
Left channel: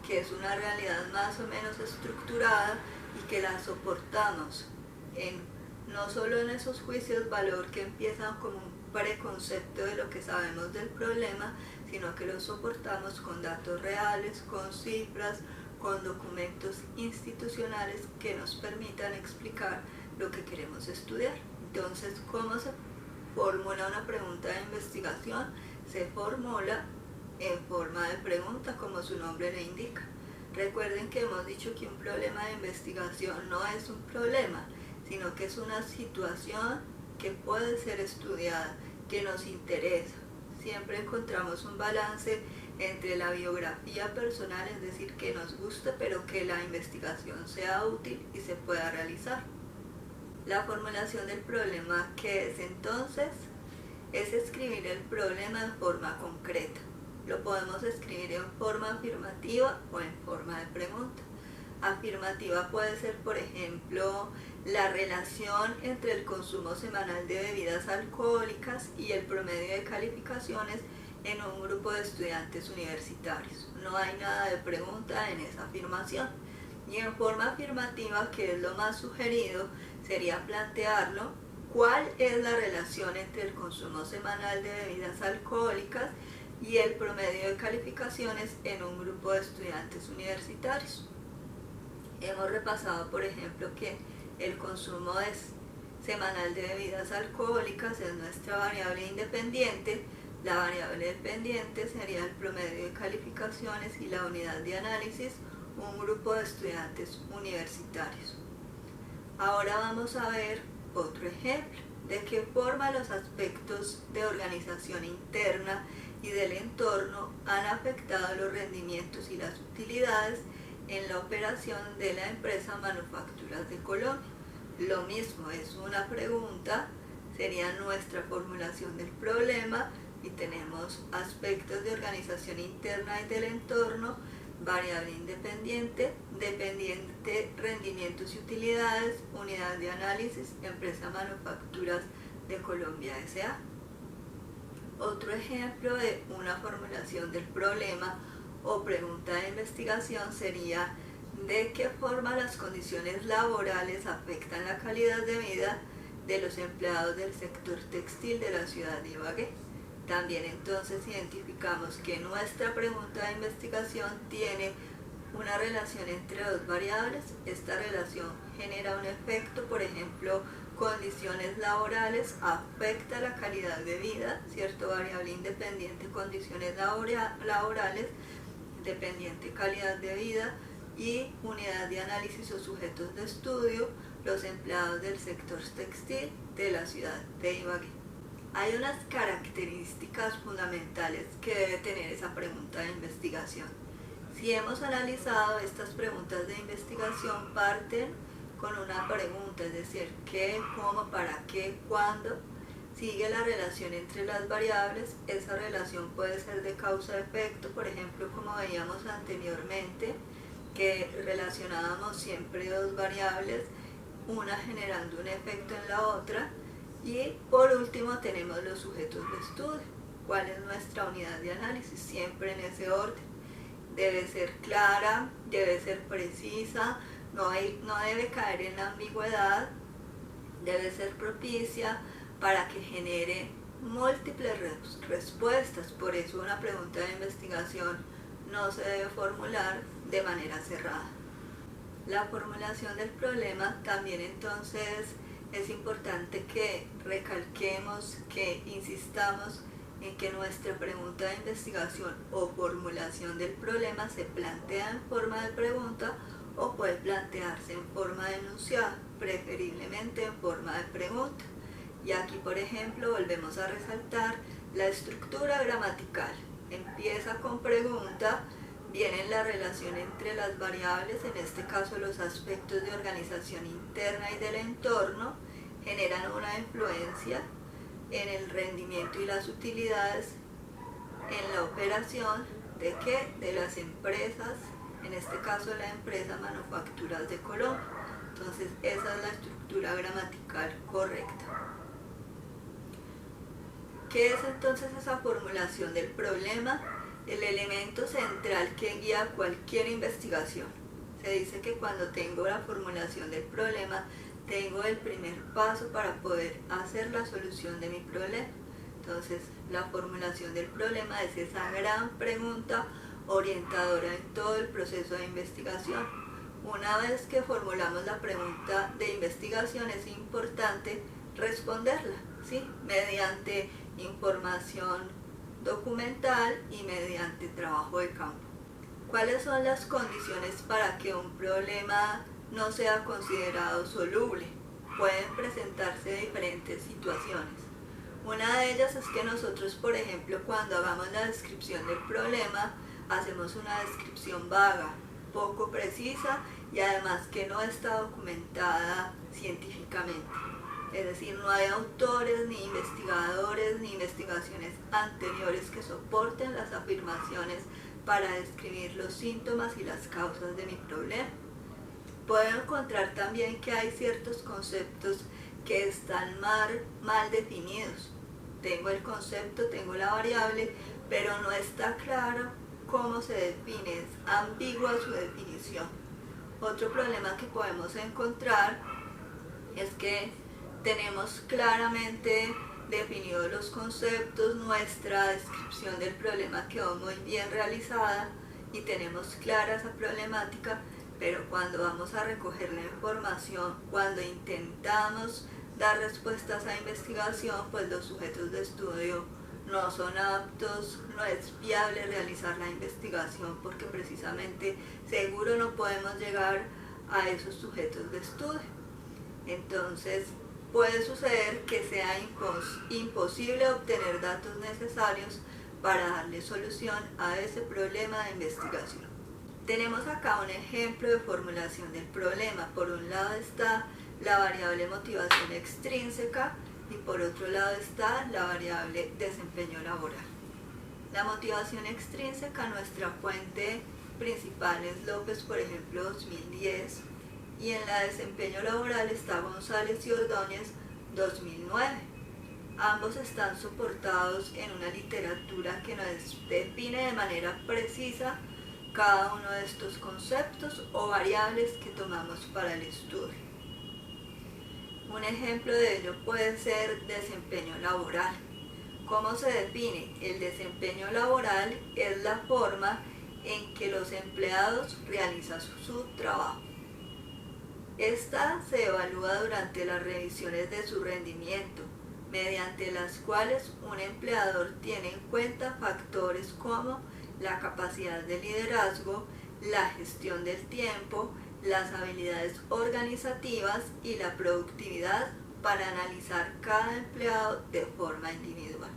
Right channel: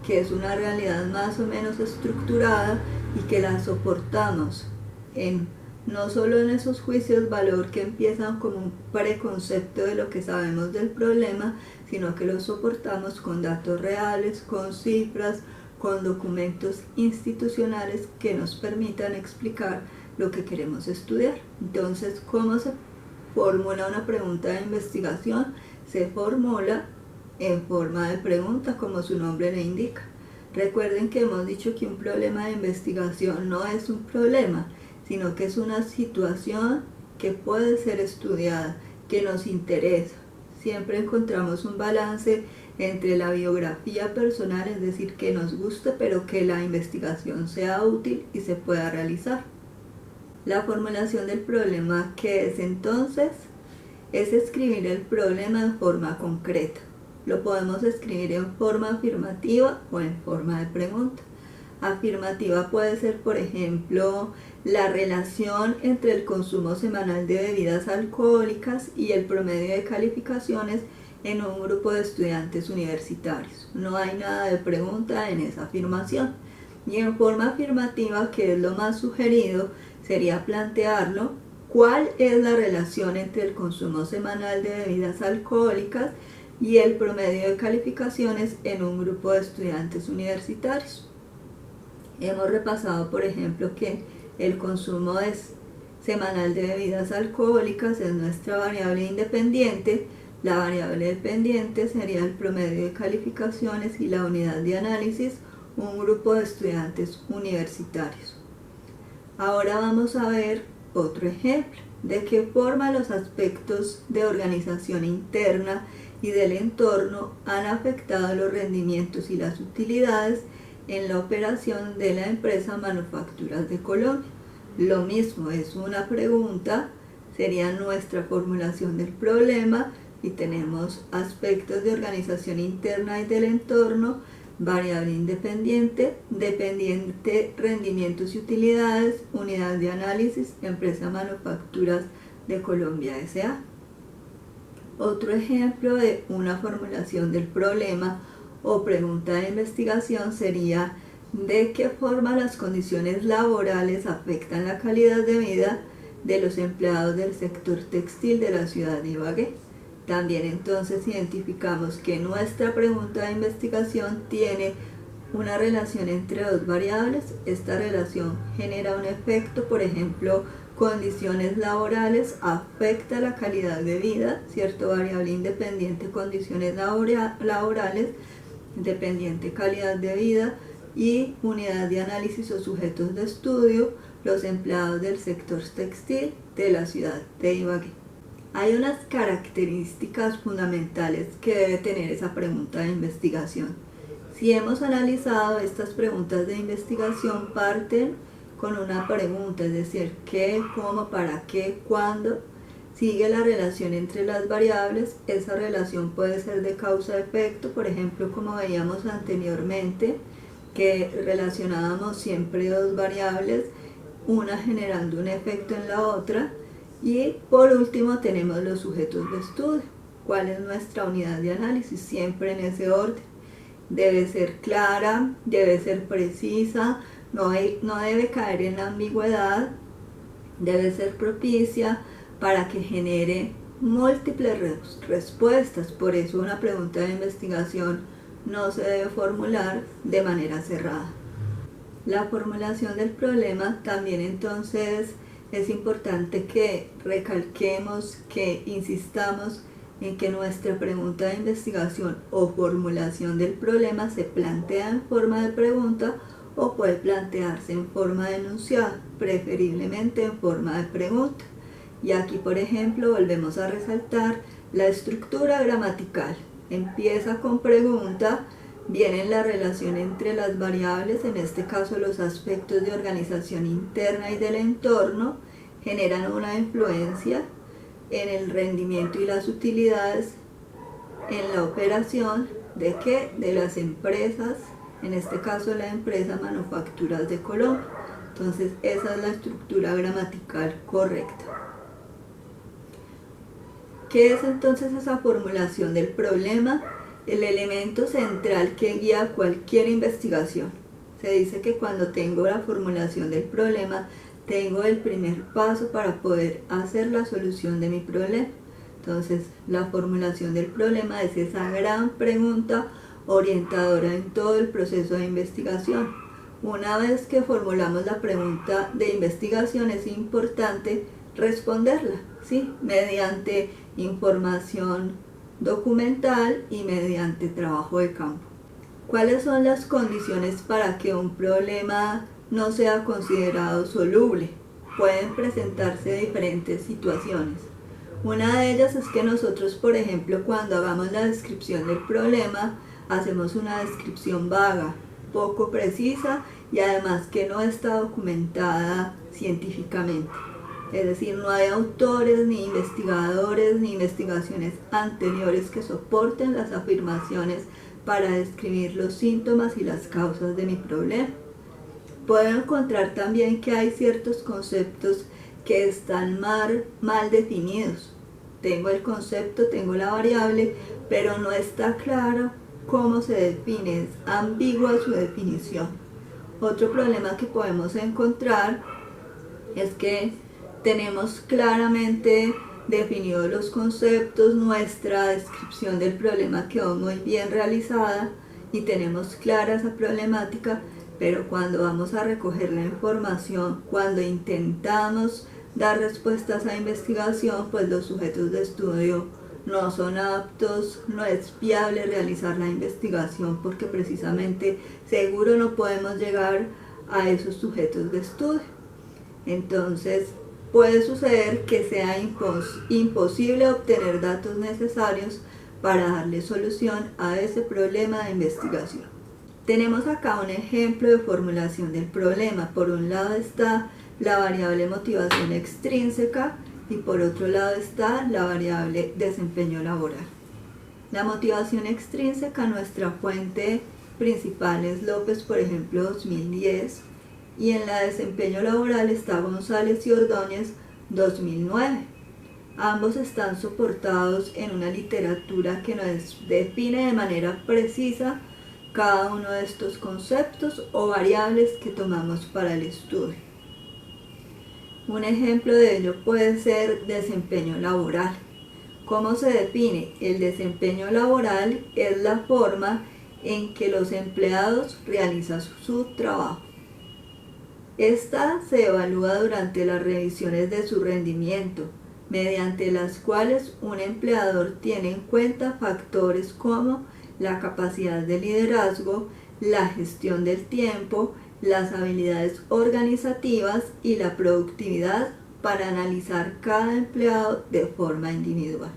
que es una realidad más o menos estructurada y que la soportamos no solo en esos juicios valor que empiezan como un preconcepto de lo que sabemos del problema, sino que lo soportamos con datos reales, con cifras, con documentos institucionales que nos permitan explicar lo que queremos estudiar. Entonces, ¿cómo se formula una pregunta de investigación? Se formula en forma de pregunta, como su nombre le indica. Recuerden que hemos dicho que un problema de investigación no es un problema, sino que es una situación que puede ser estudiada, que nos interesa. Siempre encontramos un balance entre la biografía personal, es decir, que nos guste, pero que la investigación sea útil y se pueda realizar. La formulación del problema, ¿qué es entonces? Es escribir el problema en forma concreta. Lo podemos escribir en forma afirmativa o en forma de pregunta. Afirmativa puede ser, por ejemplo, la relación entre el consumo semanal de bebidas alcohólicas y el promedio de calificaciones en un grupo de estudiantes universitarios. No hay nada de pregunta en esa afirmación. Y en forma afirmativa, que es lo más sugerido, sería plantearlo: ¿cuál es la relación entre el consumo semanal de bebidas alcohólicas y el promedio de calificaciones en un grupo de estudiantes universitarios? Hemos repasado, por ejemplo, que el consumo semanal de bebidas alcohólicas es nuestra variable independiente. La variable dependiente sería el promedio de calificaciones y la unidad de análisis, un grupo de estudiantes universitarios. Ahora vamos a ver otro ejemplo. ¿De qué forma los aspectos de organización interna y del entorno han afectado los rendimientos y las utilidades en la operación de la empresa Manufacturas de Colombia? Lo mismo, es una pregunta, sería nuestra formulación del problema y tenemos aspectos de organización interna y del entorno, variable independiente, dependiente, rendimientos y utilidades, unidad de análisis, empresa Manufacturas de Colombia S.A. Otro ejemplo de una formulación del problema o pregunta de investigación sería: ¿de qué forma las condiciones laborales afectan la calidad de vida de los empleados del sector textil de la ciudad de Ibagué? También entonces identificamos que nuestra pregunta de investigación tiene una relación entre dos variables. Esta relación genera un efecto, por ejemplo, condiciones laborales afecta la calidad de vida, ¿cierto? Variable independiente, condiciones laborales, dependiente, calidad de vida, y unidad de análisis o sujetos de estudio, los empleados del sector textil de la ciudad de Ibagué. Hay unas características fundamentales que debe tener esa pregunta de investigación. Si hemos analizado, estas preguntas de investigación parten con una pregunta, es decir, ¿qué, cómo, para qué, cuándo? Sigue la relación entre las variables. Esa relación puede ser de causa-efecto, por ejemplo, como veíamos anteriormente, que relacionábamos siempre dos variables, una generando un efecto en la otra. Y por último tenemos los sujetos de estudio. cuál es nuestra unidad de análisis, siempre en ese orden. Debe ser clara, debe ser precisa, no debe caer en la ambigüedad, debe ser propicia para que genere múltiples respuestas. Por eso una pregunta de investigación no se debe formular de manera cerrada. La formulación del problema también entonces es importante que recalquemos, que insistamos en que nuestra pregunta de investigación o formulación del problema se plantea en forma de pregunta o puede plantearse en forma de enunciado, preferiblemente en forma de pregunta. Y aquí, por ejemplo, volvemos a resaltar la estructura gramatical. Empieza con pregunta, viene la relación entre las variables, en este caso los aspectos de organización interna y del entorno, generan una influencia en el rendimiento y las utilidades en la operación de ¿qué? De las empresas, en este caso la empresa Manufacturas de Colombia. Entonces esa es la estructura gramatical correcta. ¿Qué es entonces esa formulación del problema? El elemento central que guía cualquier investigación. Se dice que cuando tengo la formulación del problema, tengo el primer paso para poder hacer la solución de mi problema. Entonces, la formulación del problema es esa gran pregunta orientadora en todo el proceso de investigación. Una vez que formulamos la pregunta de investigación, es importante responderla, ¿sí? Mediante información documental y mediante trabajo de campo. ¿Cuáles son las condiciones para que un problema no sea considerado soluble? Pueden presentarse diferentes situaciones. Una de ellas es que nosotros, por ejemplo, cuando hagamos la descripción del problema, hacemos una descripción vaga, poco precisa y además que no está documentada científicamente. Es decir, no hay autores, ni investigadores, ni investigaciones anteriores que soporten las afirmaciones para describir los síntomas y las causas de mi problema. Puedo encontrar también que hay ciertos conceptos que están mal definidos. Tengo el concepto, tengo la variable, pero no está claro cómo se define, es ambigua su definición. Otro problema que podemos encontrar es que tenemos claramente definidos los conceptos, nuestra descripción del problema quedó muy bien realizada y tenemos clara esa problemática, pero cuando vamos a recoger la información, cuando intentamos dar respuestas a investigación, pues los sujetos de estudio no son aptos, no es viable realizar la investigación porque precisamente seguro no podemos llegar a esos sujetos de estudio. Entonces, puede suceder que sea imposible obtener datos necesarios para darle solución a ese problema de investigación. Tenemos acá un ejemplo de formulación del problema. Por un lado está la variable motivación extrínseca y por otro lado está la variable desempeño laboral. La motivación extrínseca, nuestra fuente principal es López, por ejemplo, 2010. Y en la desempeño laboral está González y Ordóñez 2009. Ambos están soportados en una literatura que nos define de manera precisa cada uno de estos conceptos o variables que tomamos para el estudio. Un ejemplo de ello puede ser desempeño laboral. ¿Cómo se define? El desempeño laboral es la forma en que los empleados realizan su trabajo. Esta se evalúa durante las revisiones de su rendimiento, mediante las cuales un empleador tiene en cuenta factores como la capacidad de liderazgo, la gestión del tiempo, las habilidades organizativas y la productividad para analizar cada empleado de forma individual.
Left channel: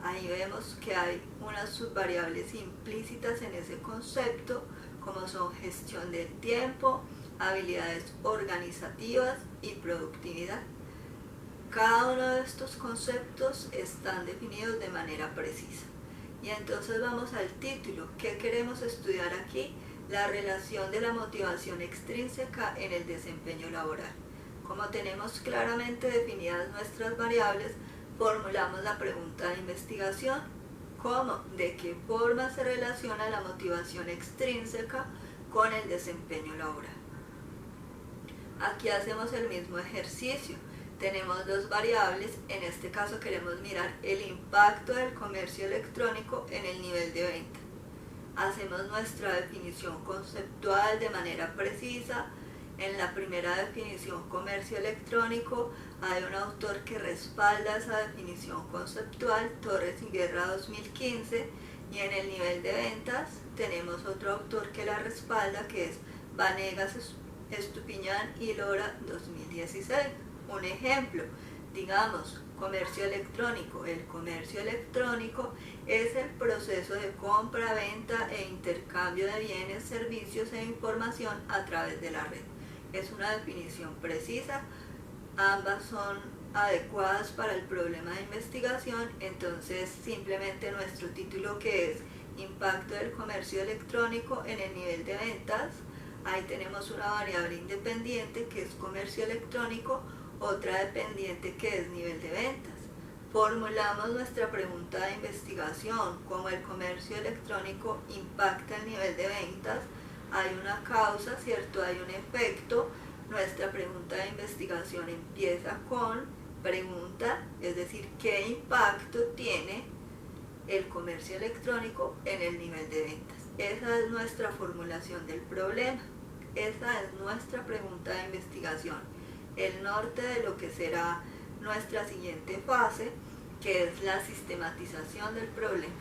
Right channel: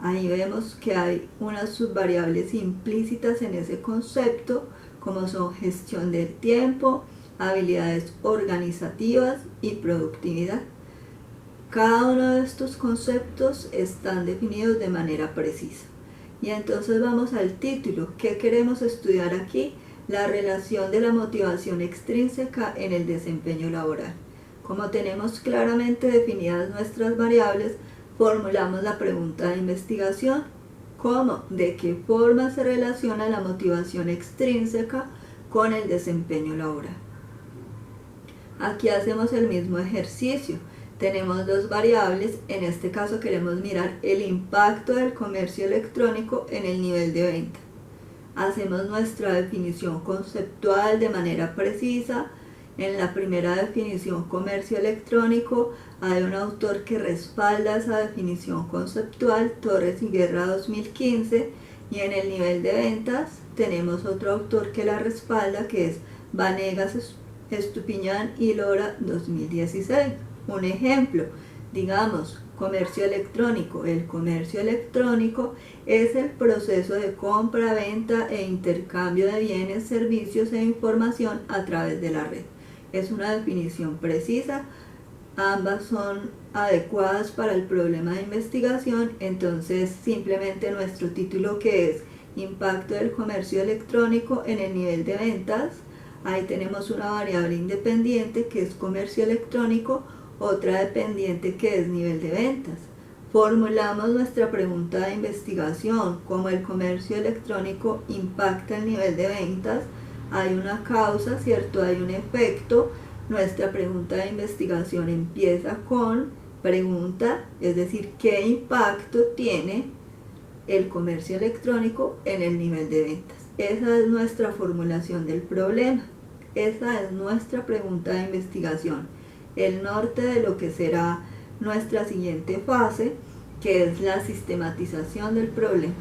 Ahí vemos que hay unas subvariables implícitas en ese concepto, como son gestión del tiempo, habilidades organizativas y productividad. Cada uno de estos conceptos están definidos de manera precisa. Y entonces vamos al título. ¿Qué queremos estudiar aquí? La relación de la motivación extrínseca en el desempeño laboral. Como tenemos claramente definidas nuestras variables, formulamos la pregunta de investigación. ¿Cómo? ¿De qué forma se relaciona la motivación extrínseca con el desempeño laboral? Aquí hacemos el mismo ejercicio. Tenemos dos variables, en este caso queremos mirar el impacto del comercio electrónico en el nivel de venta. Hacemos nuestra definición conceptual de manera precisa. En la primera definición, comercio electrónico, hay un autor que respalda esa definición conceptual, Torres y Guerra 2015, y en el nivel de ventas tenemos otro autor que la respalda, que es Vanegas, Estupiñán y Lora 2016. Un ejemplo, digamos, comercio electrónico. El comercio electrónico es el proceso de compra, venta e intercambio de bienes, servicios e información a través de la red. Es una definición precisa, ambas son adecuadas para el problema de investigación, entonces simplemente nuestro título, que es Impacto del comercio electrónico en el nivel de ventas, ahí tenemos una variable independiente que es comercio electrónico, otra dependiente que es nivel de ventas. Formulamos nuestra pregunta de investigación. Como el comercio electrónico impacta el nivel de ventas, hay una causa, ¿cierto? Hay un efecto. Nuestra pregunta de investigación empieza con pregunta, es decir, ¿qué impacto tiene el comercio electrónico en el nivel de ventas? Esa es nuestra formulación del problema. Esa es nuestra pregunta de investigación. El norte de lo que será nuestra siguiente fase, que es la sistematización del problema.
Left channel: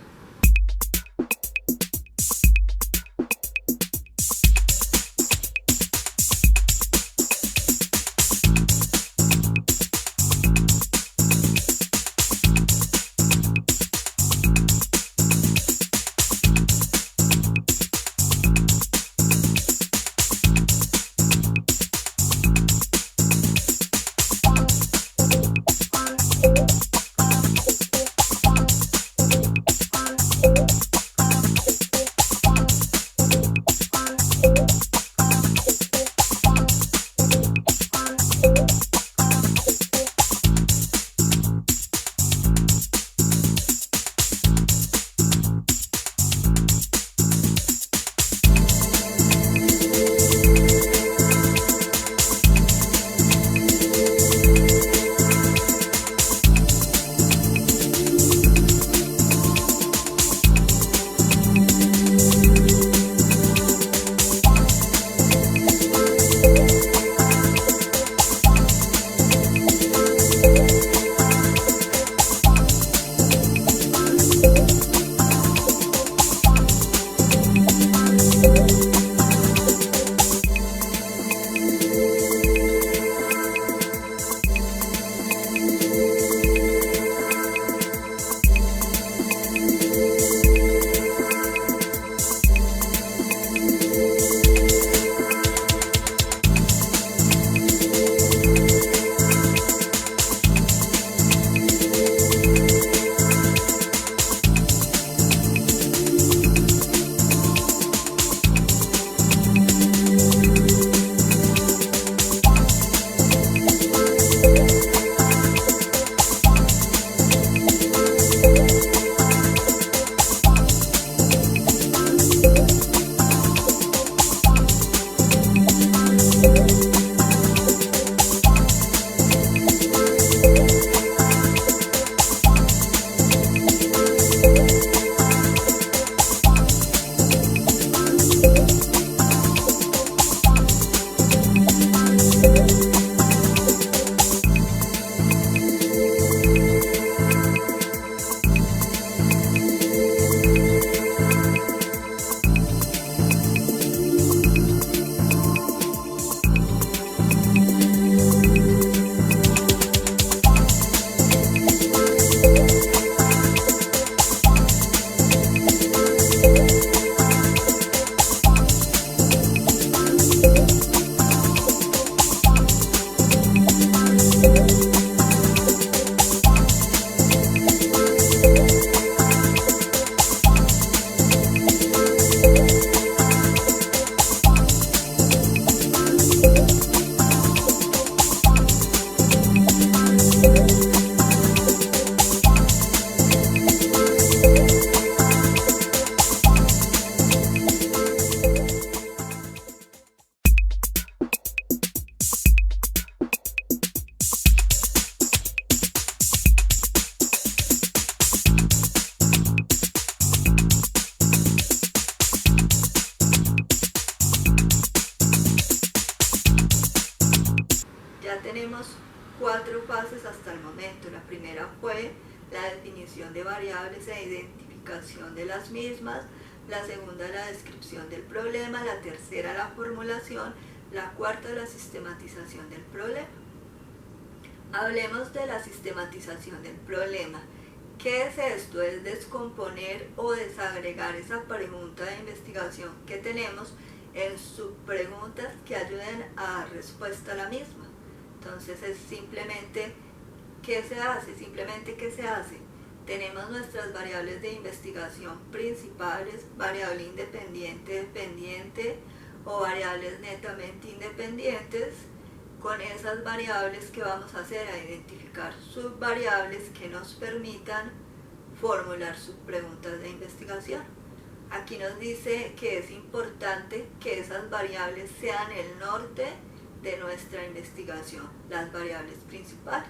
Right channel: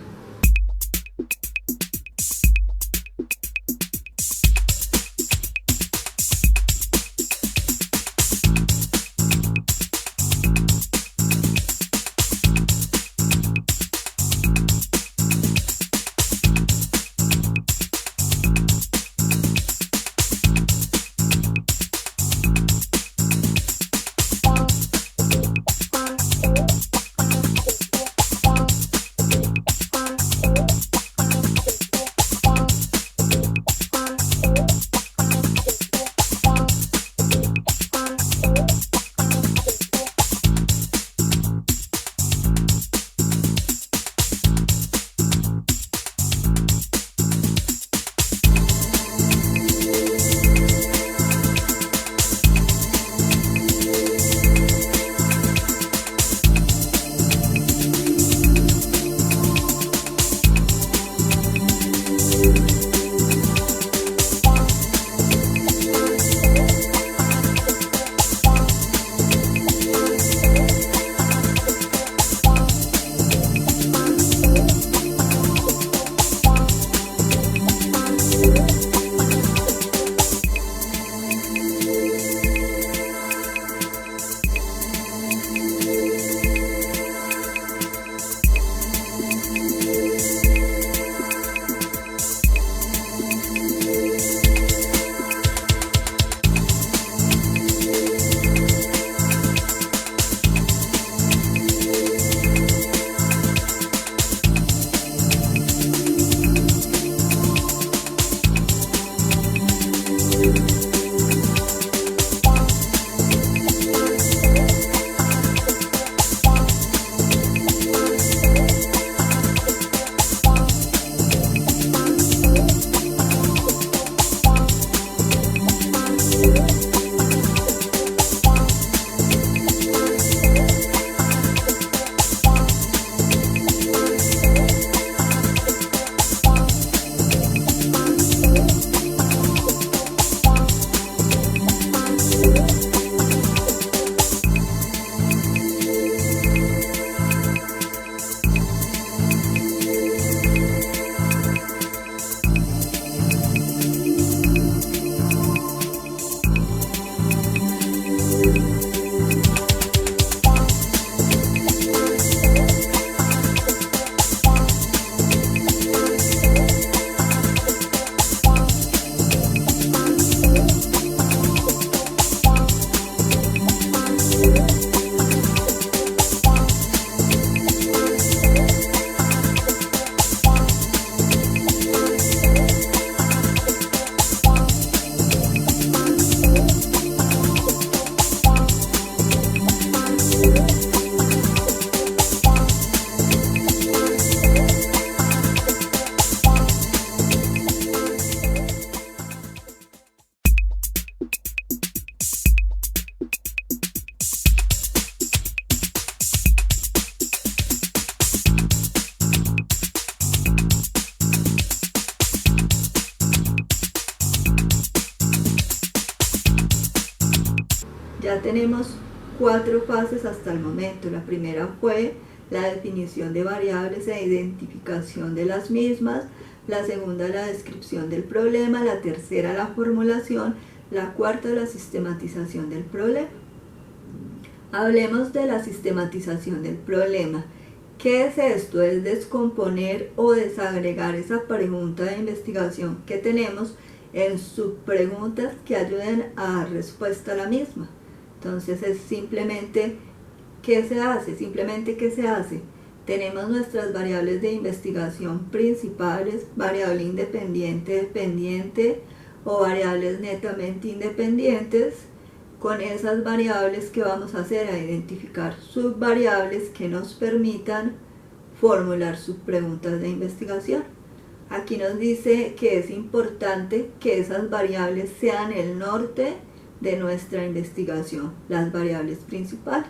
Ya tenemos 4 fases hasta el momento. La primera fue la definición de variables e identificación de las mismas. La segunda, la descripción del problema. La tercera, la formulación. La cuarta, la sistematización del problema. Hablemos de la sistematización del problema. ¿Qué es esto? Es descomponer o desagregar esa pregunta de investigación que tenemos en subpreguntas que ayuden a dar respuesta a la misma. Entonces es simplemente, ¿qué se hace? Simplemente, ¿qué se hace? Tenemos nuestras variables de investigación principales, variable independiente, dependiente o variables netamente independientes. Con esas variables, ¿qué vamos a hacer? A identificar subvariables que nos permitan formular subpreguntas de investigación. Aquí nos dice que es importante que esas variables sean el norte de nuestra investigación, las variables principales.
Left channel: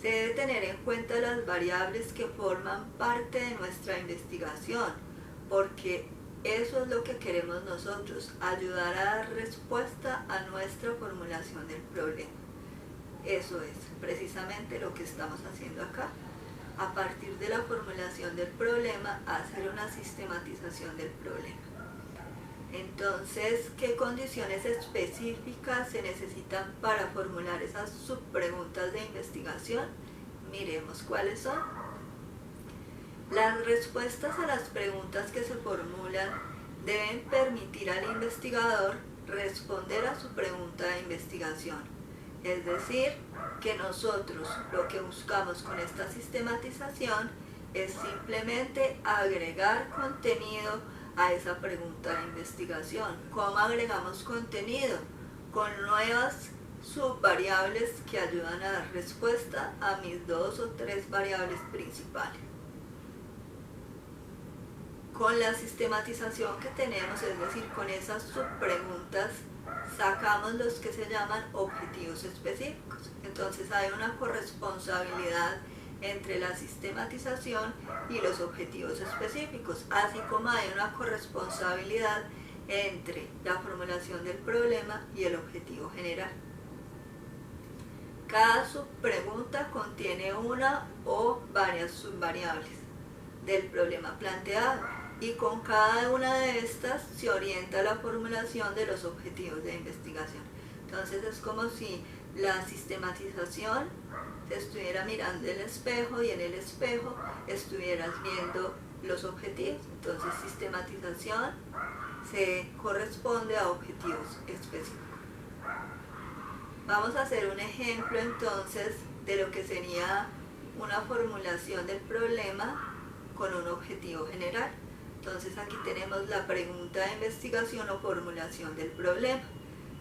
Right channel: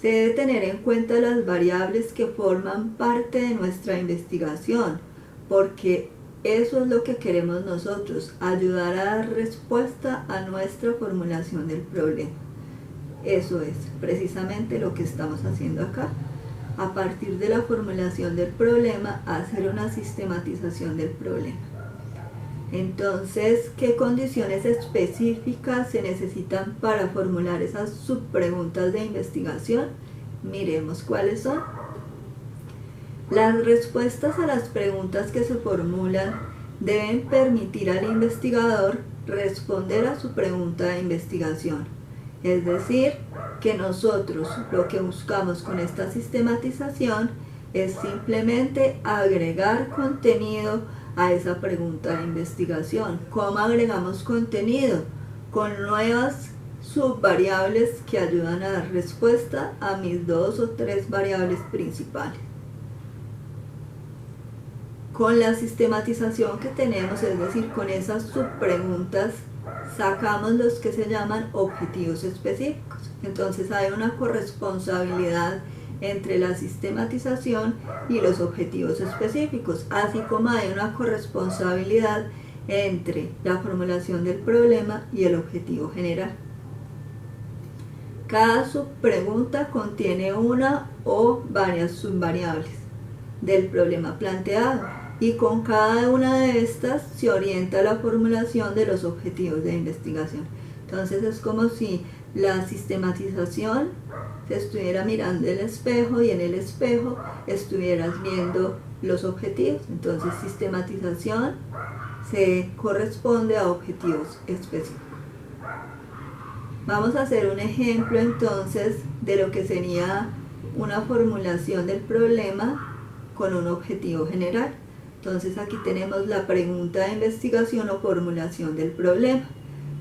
Se debe tener en cuenta las variables que forman parte de nuestra investigación, porque eso es lo que queremos nosotros, ayudar a dar respuesta a nuestra formulación del problema. Eso es precisamente lo que estamos haciendo acá. A partir de la formulación del problema, hacer una sistematización del problema. Entonces, ¿qué condiciones específicas se necesitan para formular esas subpreguntas de investigación? Miremos cuáles son. Las respuestas a las preguntas que se formulan deben permitir al investigador responder a su pregunta de investigación. Es decir, que nosotros lo que buscamos con esta sistematización es simplemente agregar contenido a esa pregunta de investigación. ¿Cómo agregamos contenido? Con nuevas subvariables que ayudan a dar respuesta a mis 2 o 3 variables principales. Con la sistematización que tenemos, es decir, con esas subpreguntas, sacamos los que se llaman objetivos específicos. Entonces hay una corresponsabilidad entre la sistematización y los objetivos específicos, así como hay una corresponsabilidad entre la formulación del problema y el objetivo general. Cada subpregunta contiene una o varias subvariables del problema planteado, y con cada una de estas se orienta la formulación de los objetivos de investigación. Entonces es como si la sistematización se estuviera mirando el espejo y en el espejo estuvieras viendo los objetivos. Entonces sistematización se corresponde a objetivos específicos. Vamos a hacer un ejemplo entonces de lo que sería una formulación del problema con un objetivo general. Entonces aquí tenemos la pregunta de investigación o formulación del problema.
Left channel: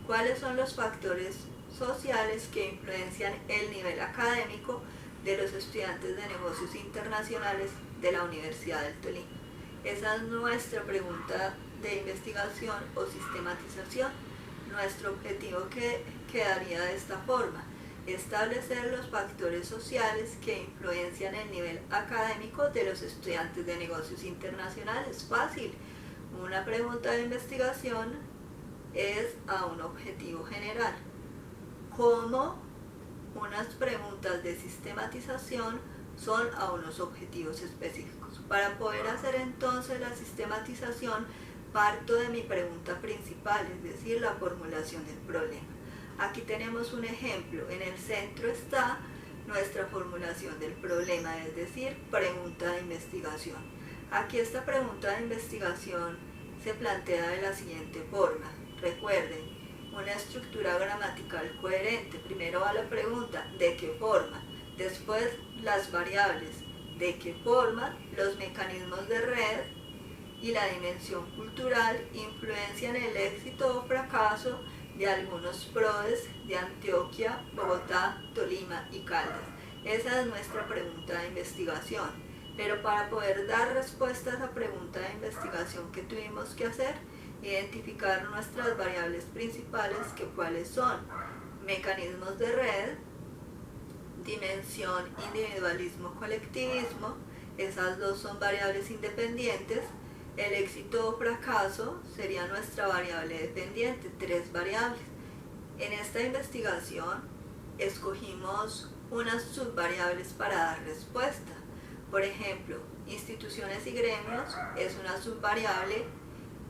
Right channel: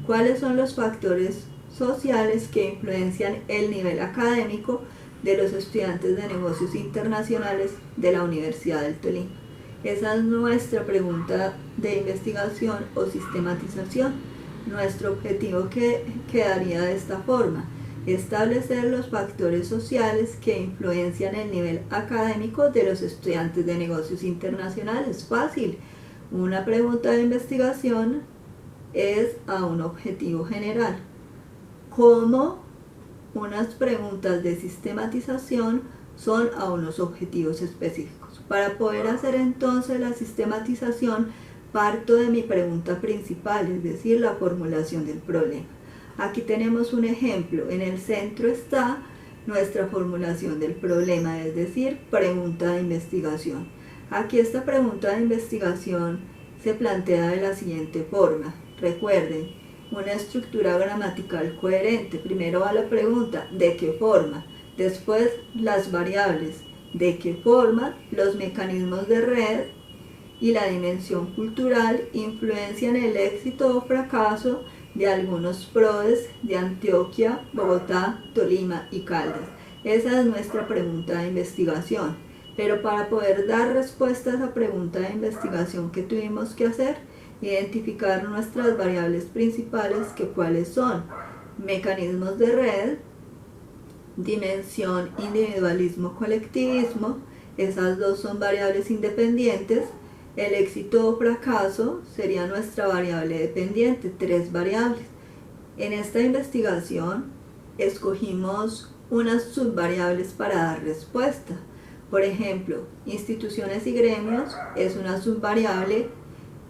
¿Cuáles son los factores sociales que influencian el nivel académico de los estudiantes de negocios internacionales de la Universidad del Tolima? Esa es nuestra pregunta de investigación o sistematización. Nuestro objetivo quedaría de esta forma: establecer los factores sociales que influencian el nivel académico de los estudiantes de negocios internacionales. Fácil. Una pregunta de investigación es a un objetivo general, como unas preguntas de sistematización son a unos objetivos específicos. Para poder hacer entonces la sistematización, parto de mi pregunta principal, es decir, la formulación del problema. Aquí tenemos un ejemplo. En el centro está nuestra formulación del problema, es decir, pregunta de investigación. Aquí esta pregunta de investigación se plantea de la siguiente forma. Recuerden, una estructura gramatical coherente. Primero va la pregunta, ¿de qué forma? Después las variables, ¿de qué forma? Los mecanismos de red y la dimensión cultural influencian el éxito o fracaso de algunos PRODES de Antioquia, Bogotá, Tolima y Caldas. Esa es nuestra pregunta de investigación. Pero para poder dar respuesta a esa pregunta de investigación, ¿qué tuvimos que hacer? Identificar nuestras variables principales, que cuáles son: mecanismos de red, dimensión, individualismo, colectivismo. Esas dos son variables independientes. El éxito o fracaso sería nuestra variable dependiente, 3 variables. En esta investigación escogimos unas subvariables para dar respuesta. Por ejemplo, instituciones y gremios es una subvariable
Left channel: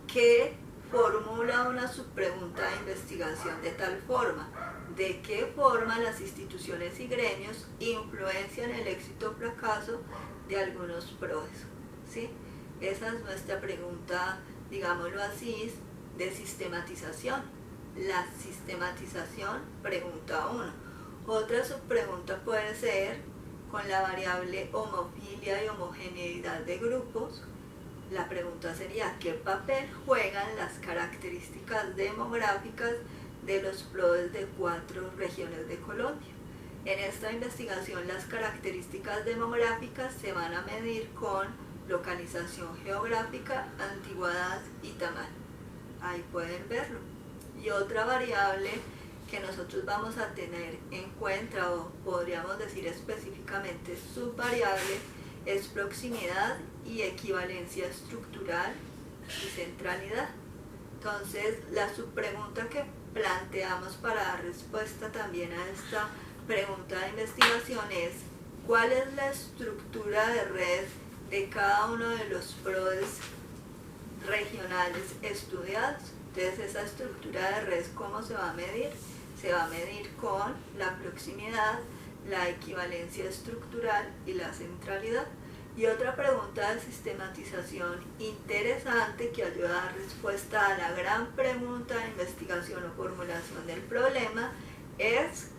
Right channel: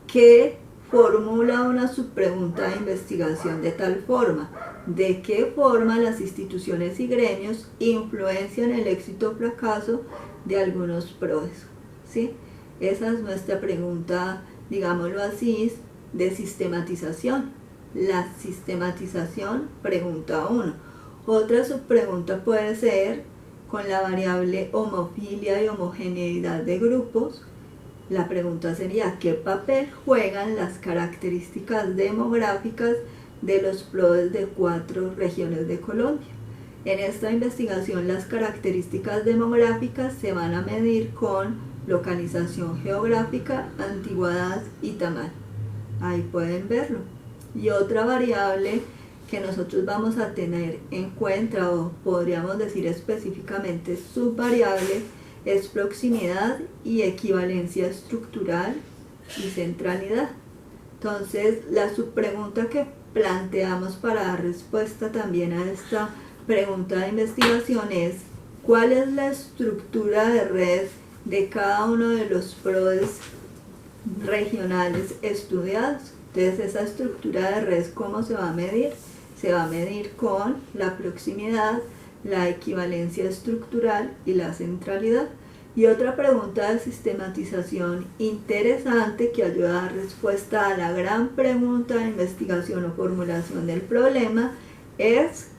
que formula una subpregunta de investigación de tal forma: ¿de qué forma las instituciones y gremios influencian el éxito o fracaso de algunos procesos? ¿Sí? Esa es nuestra pregunta, digámoslo así, de sistematización. La sistematización, pregunta 1. Otra subpregunta puede ser con la variable homofilia y homogeneidad de grupos. La pregunta sería: ¿qué papel juegan las características demográficas de los PRODES de 4 regiones de Colombia? En esta investigación las características demográficas se van a medir con localización geográfica, antigüedad y tamaño. Ahí pueden verlo. Y otra variable que nosotros vamos a tener en cuenta, o podríamos decir específicamente subvariable, es proximidad y equivalencia estructural y centralidad. Entonces, la subpregunta que planteamos para dar respuesta también a esta pregunta de investigación es: ¿cuál es la estructura de red de cada uno de los PRODES regionales estudiados? Entonces, esa estructura de red, ¿cómo se va a medir? Se va a medir con la proximidad, la equivalencia estructural y la centralidad. Y otra pregunta de sistematización interesante que ayuda a dar respuesta a la gran pregunta de investigación o formulación del problema es:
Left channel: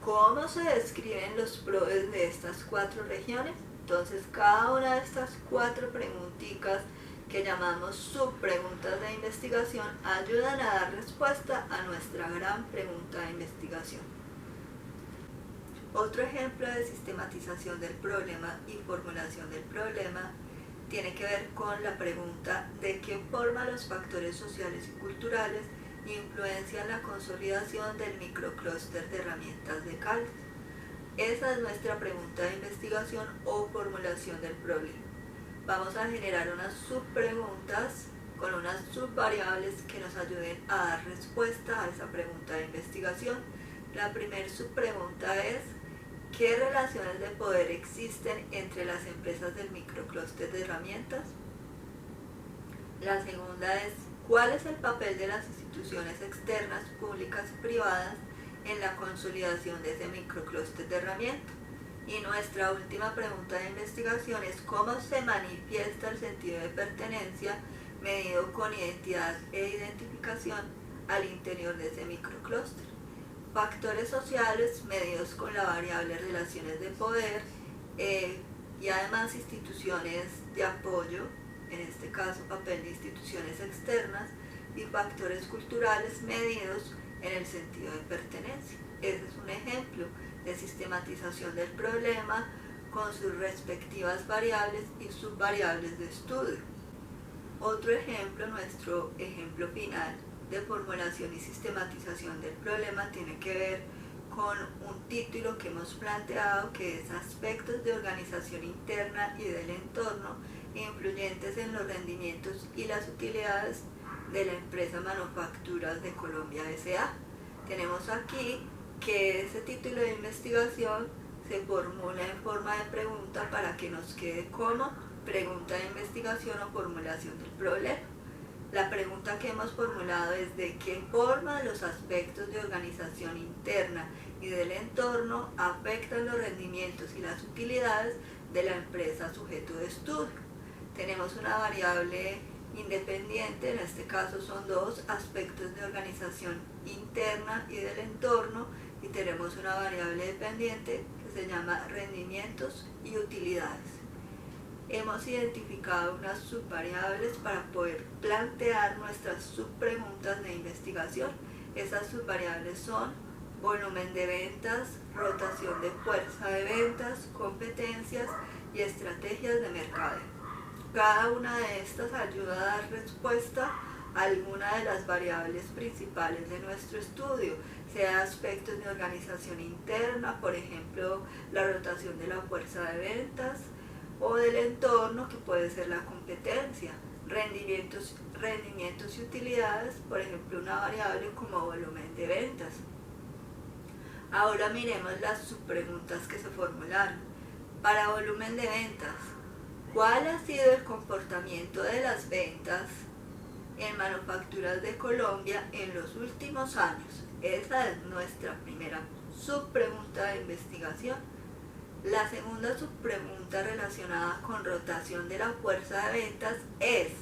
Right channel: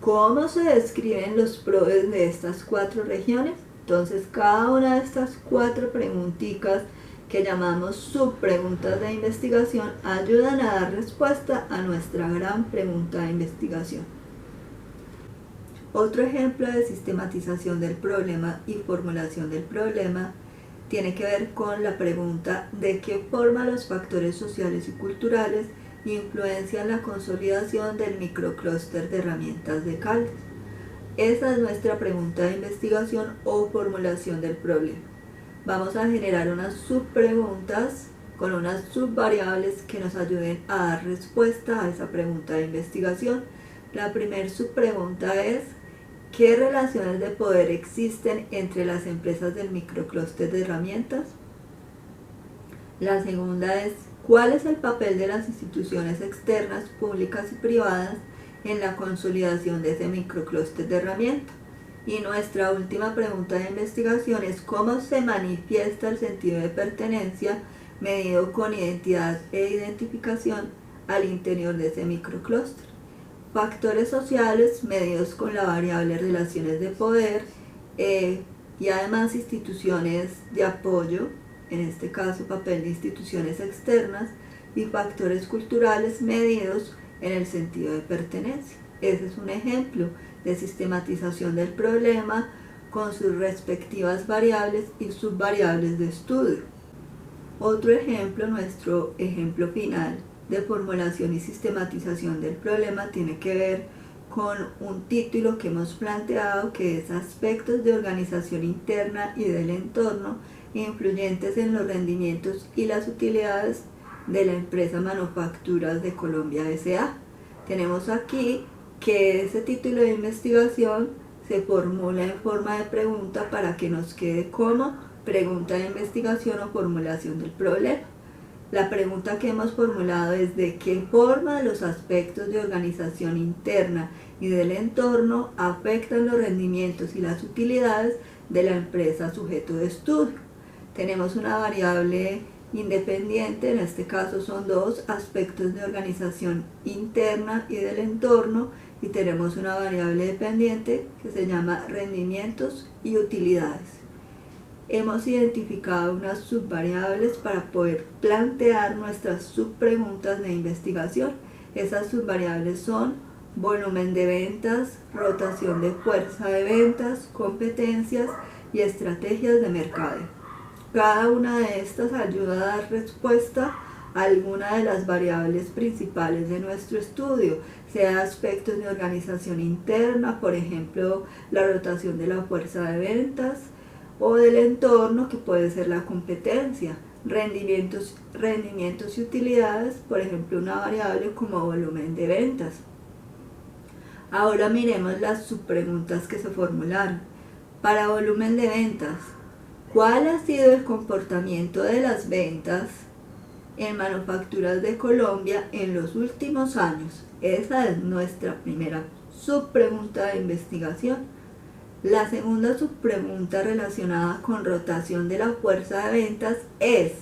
¿cómo se describen los PRODES de estas 4 regiones? Entonces, cada una de estas 4 preguntitas que llamamos subpreguntas de investigación ayudan a dar respuesta a nuestra gran pregunta de investigación. Otro ejemplo de sistematización del problema y formulación del problema tiene que ver con la pregunta: ¿de qué forma los factores sociales y culturales influencian la consolidación del microclúster de herramientas de Caldas? Esa es nuestra pregunta de investigación o formulación del problema. Vamos a generar unas subpreguntas con unas subvariables que nos ayuden a dar respuesta a esa pregunta de investigación. La primera subpregunta es: ¿qué relaciones de poder existen entre las empresas del microclúster de herramientas? La segunda es: ¿cuál es el papel de las instituciones externas, públicas y privadas en la consolidación de ese microclúster de herramientas? Y nuestra última pregunta de investigación es: ¿cómo se manifiesta el sentido de pertenencia medido con identidad e identificación al interior de ese microclúster? Factores sociales medidos con la variable relaciones de poder y además instituciones de apoyo, en este caso papel de instituciones externas, y factores culturales medidos en el sentido de pertenencia. Ese es un ejemplo de sistematización del problema con sus respectivas variables y subvariables de estudio. Otro ejemplo, nuestro ejemplo final de formulación y sistematización del problema, tiene que ver con un título que hemos planteado, que es aspectos de organización interna y del entorno influyentes en los rendimientos y las utilidades de la empresa Manufacturas de Colombia S.A. Tenemos aquí que ese título de investigación se formula en forma de pregunta para que nos quede como pregunta de investigación o formulación del problema. La pregunta que hemos formulado es: ¿de qué forma los aspectos de organización interna y del entorno afectan los rendimientos y las utilidades de la empresa sujeto de estudio? Tenemos una variable independiente, en este caso son 2: aspectos de organización interna y del entorno, y tenemos una variable dependiente que se llama rendimientos y utilidades. Hemos identificado unas subvariables para poder plantear nuestras subpreguntas de investigación. Esas subvariables son volumen de ventas, rotación de fuerza de ventas, competencias y estrategias de mercadeo. Cada una de estas ayuda a dar respuesta a alguna de las variables principales de nuestro estudio, sea aspectos de organización interna, por ejemplo, la rotación de la fuerza de ventas, o del entorno, que puede ser la competencia, rendimientos y utilidades, por ejemplo, una variable como volumen de ventas. Ahora miremos las subpreguntas que se formularon. Para volumen de ventas, ¿cuál ha sido el comportamiento de las ventas en Manufacturas de Colombia en los últimos años? Esa es nuestra primera subpregunta de investigación. La segunda subpregunta relacionada con rotación de la fuerza de ventas es:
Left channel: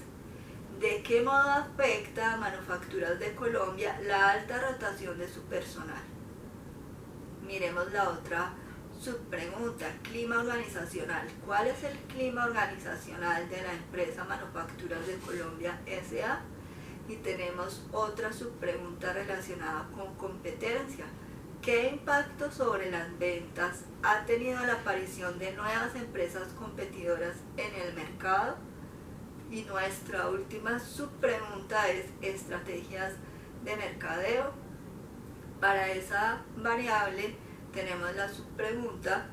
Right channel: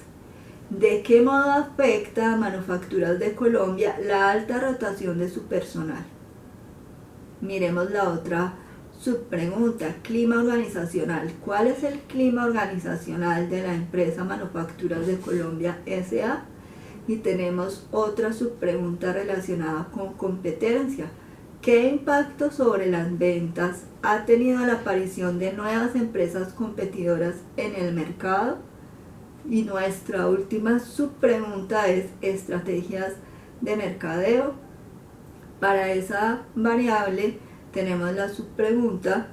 ¿de qué modo afecta a Manufacturas de Colombia la alta rotación de su personal? Miremos la otra subpregunta, clima organizacional. ¿Cuál es el clima organizacional de la empresa Manufacturas de Colombia S.A.? Y tenemos otra subpregunta relacionada con competencia. ¿Qué impacto sobre las ventas ha tenido la aparición de nuevas empresas competidoras en el mercado? Y nuestra última subpregunta es estrategias de mercadeo. Para esa variable tenemos la subpregunta:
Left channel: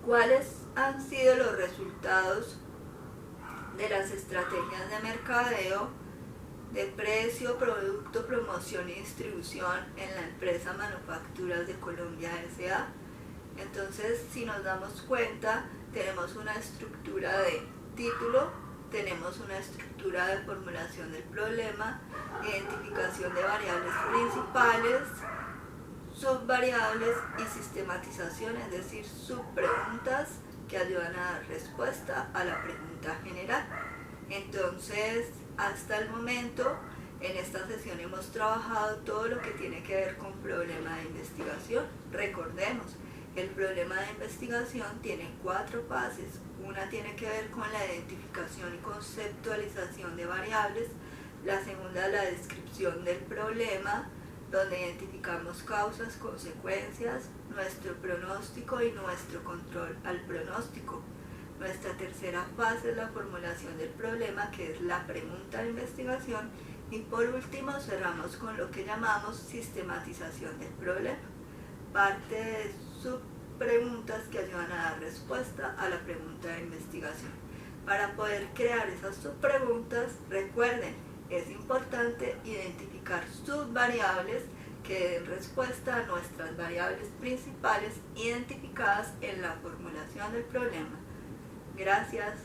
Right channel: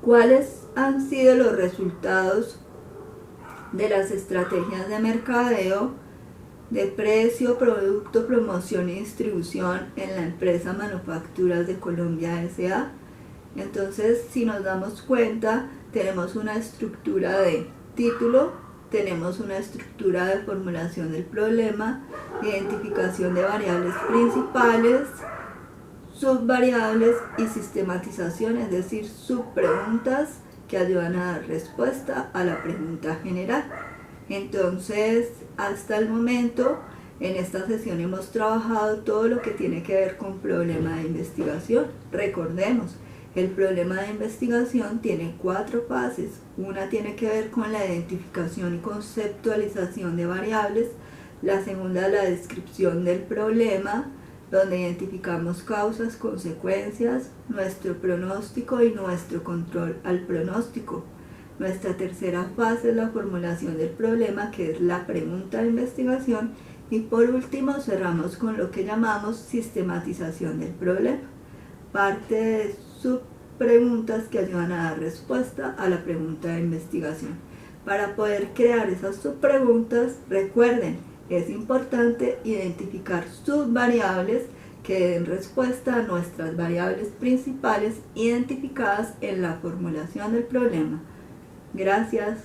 ¿cuáles han sido los resultados de las estrategias de mercadeo de precio, producto, promoción y distribución en la empresa Manufacturas de Colombia S.A.? Entonces, si nos damos cuenta, tenemos una estructura de título, tenemos una estructura de formulación del problema, identificación de variables principales, subvariables y sistematización, es decir, subpreguntas que ayudan a dar respuesta a la pregunta general. Entonces, hasta el momento, en esta sesión hemos trabajado todo lo que tiene que ver con problema de investigación. Recordemos, el problema de investigación tiene 4 fases. Una tiene que ver con la identificación y conceptualización de variables. La segunda, la descripción del problema, donde identificamos causas, consecuencias, nuestro pronóstico y nuestro control al pronóstico. Nuestra tercera fase es la formulación del problema, que es la pregunta de investigación. Y por último cerramos con lo que llamamos sistematización del problema. Parte de subpreguntas que ayudan a dar respuesta a la pregunta de investigación. Para poder crear esas subpreguntas, recuerden, es importante identificar subvariables que den respuesta a nuestras variables principales identificadas en la formulación del problema. Gracias.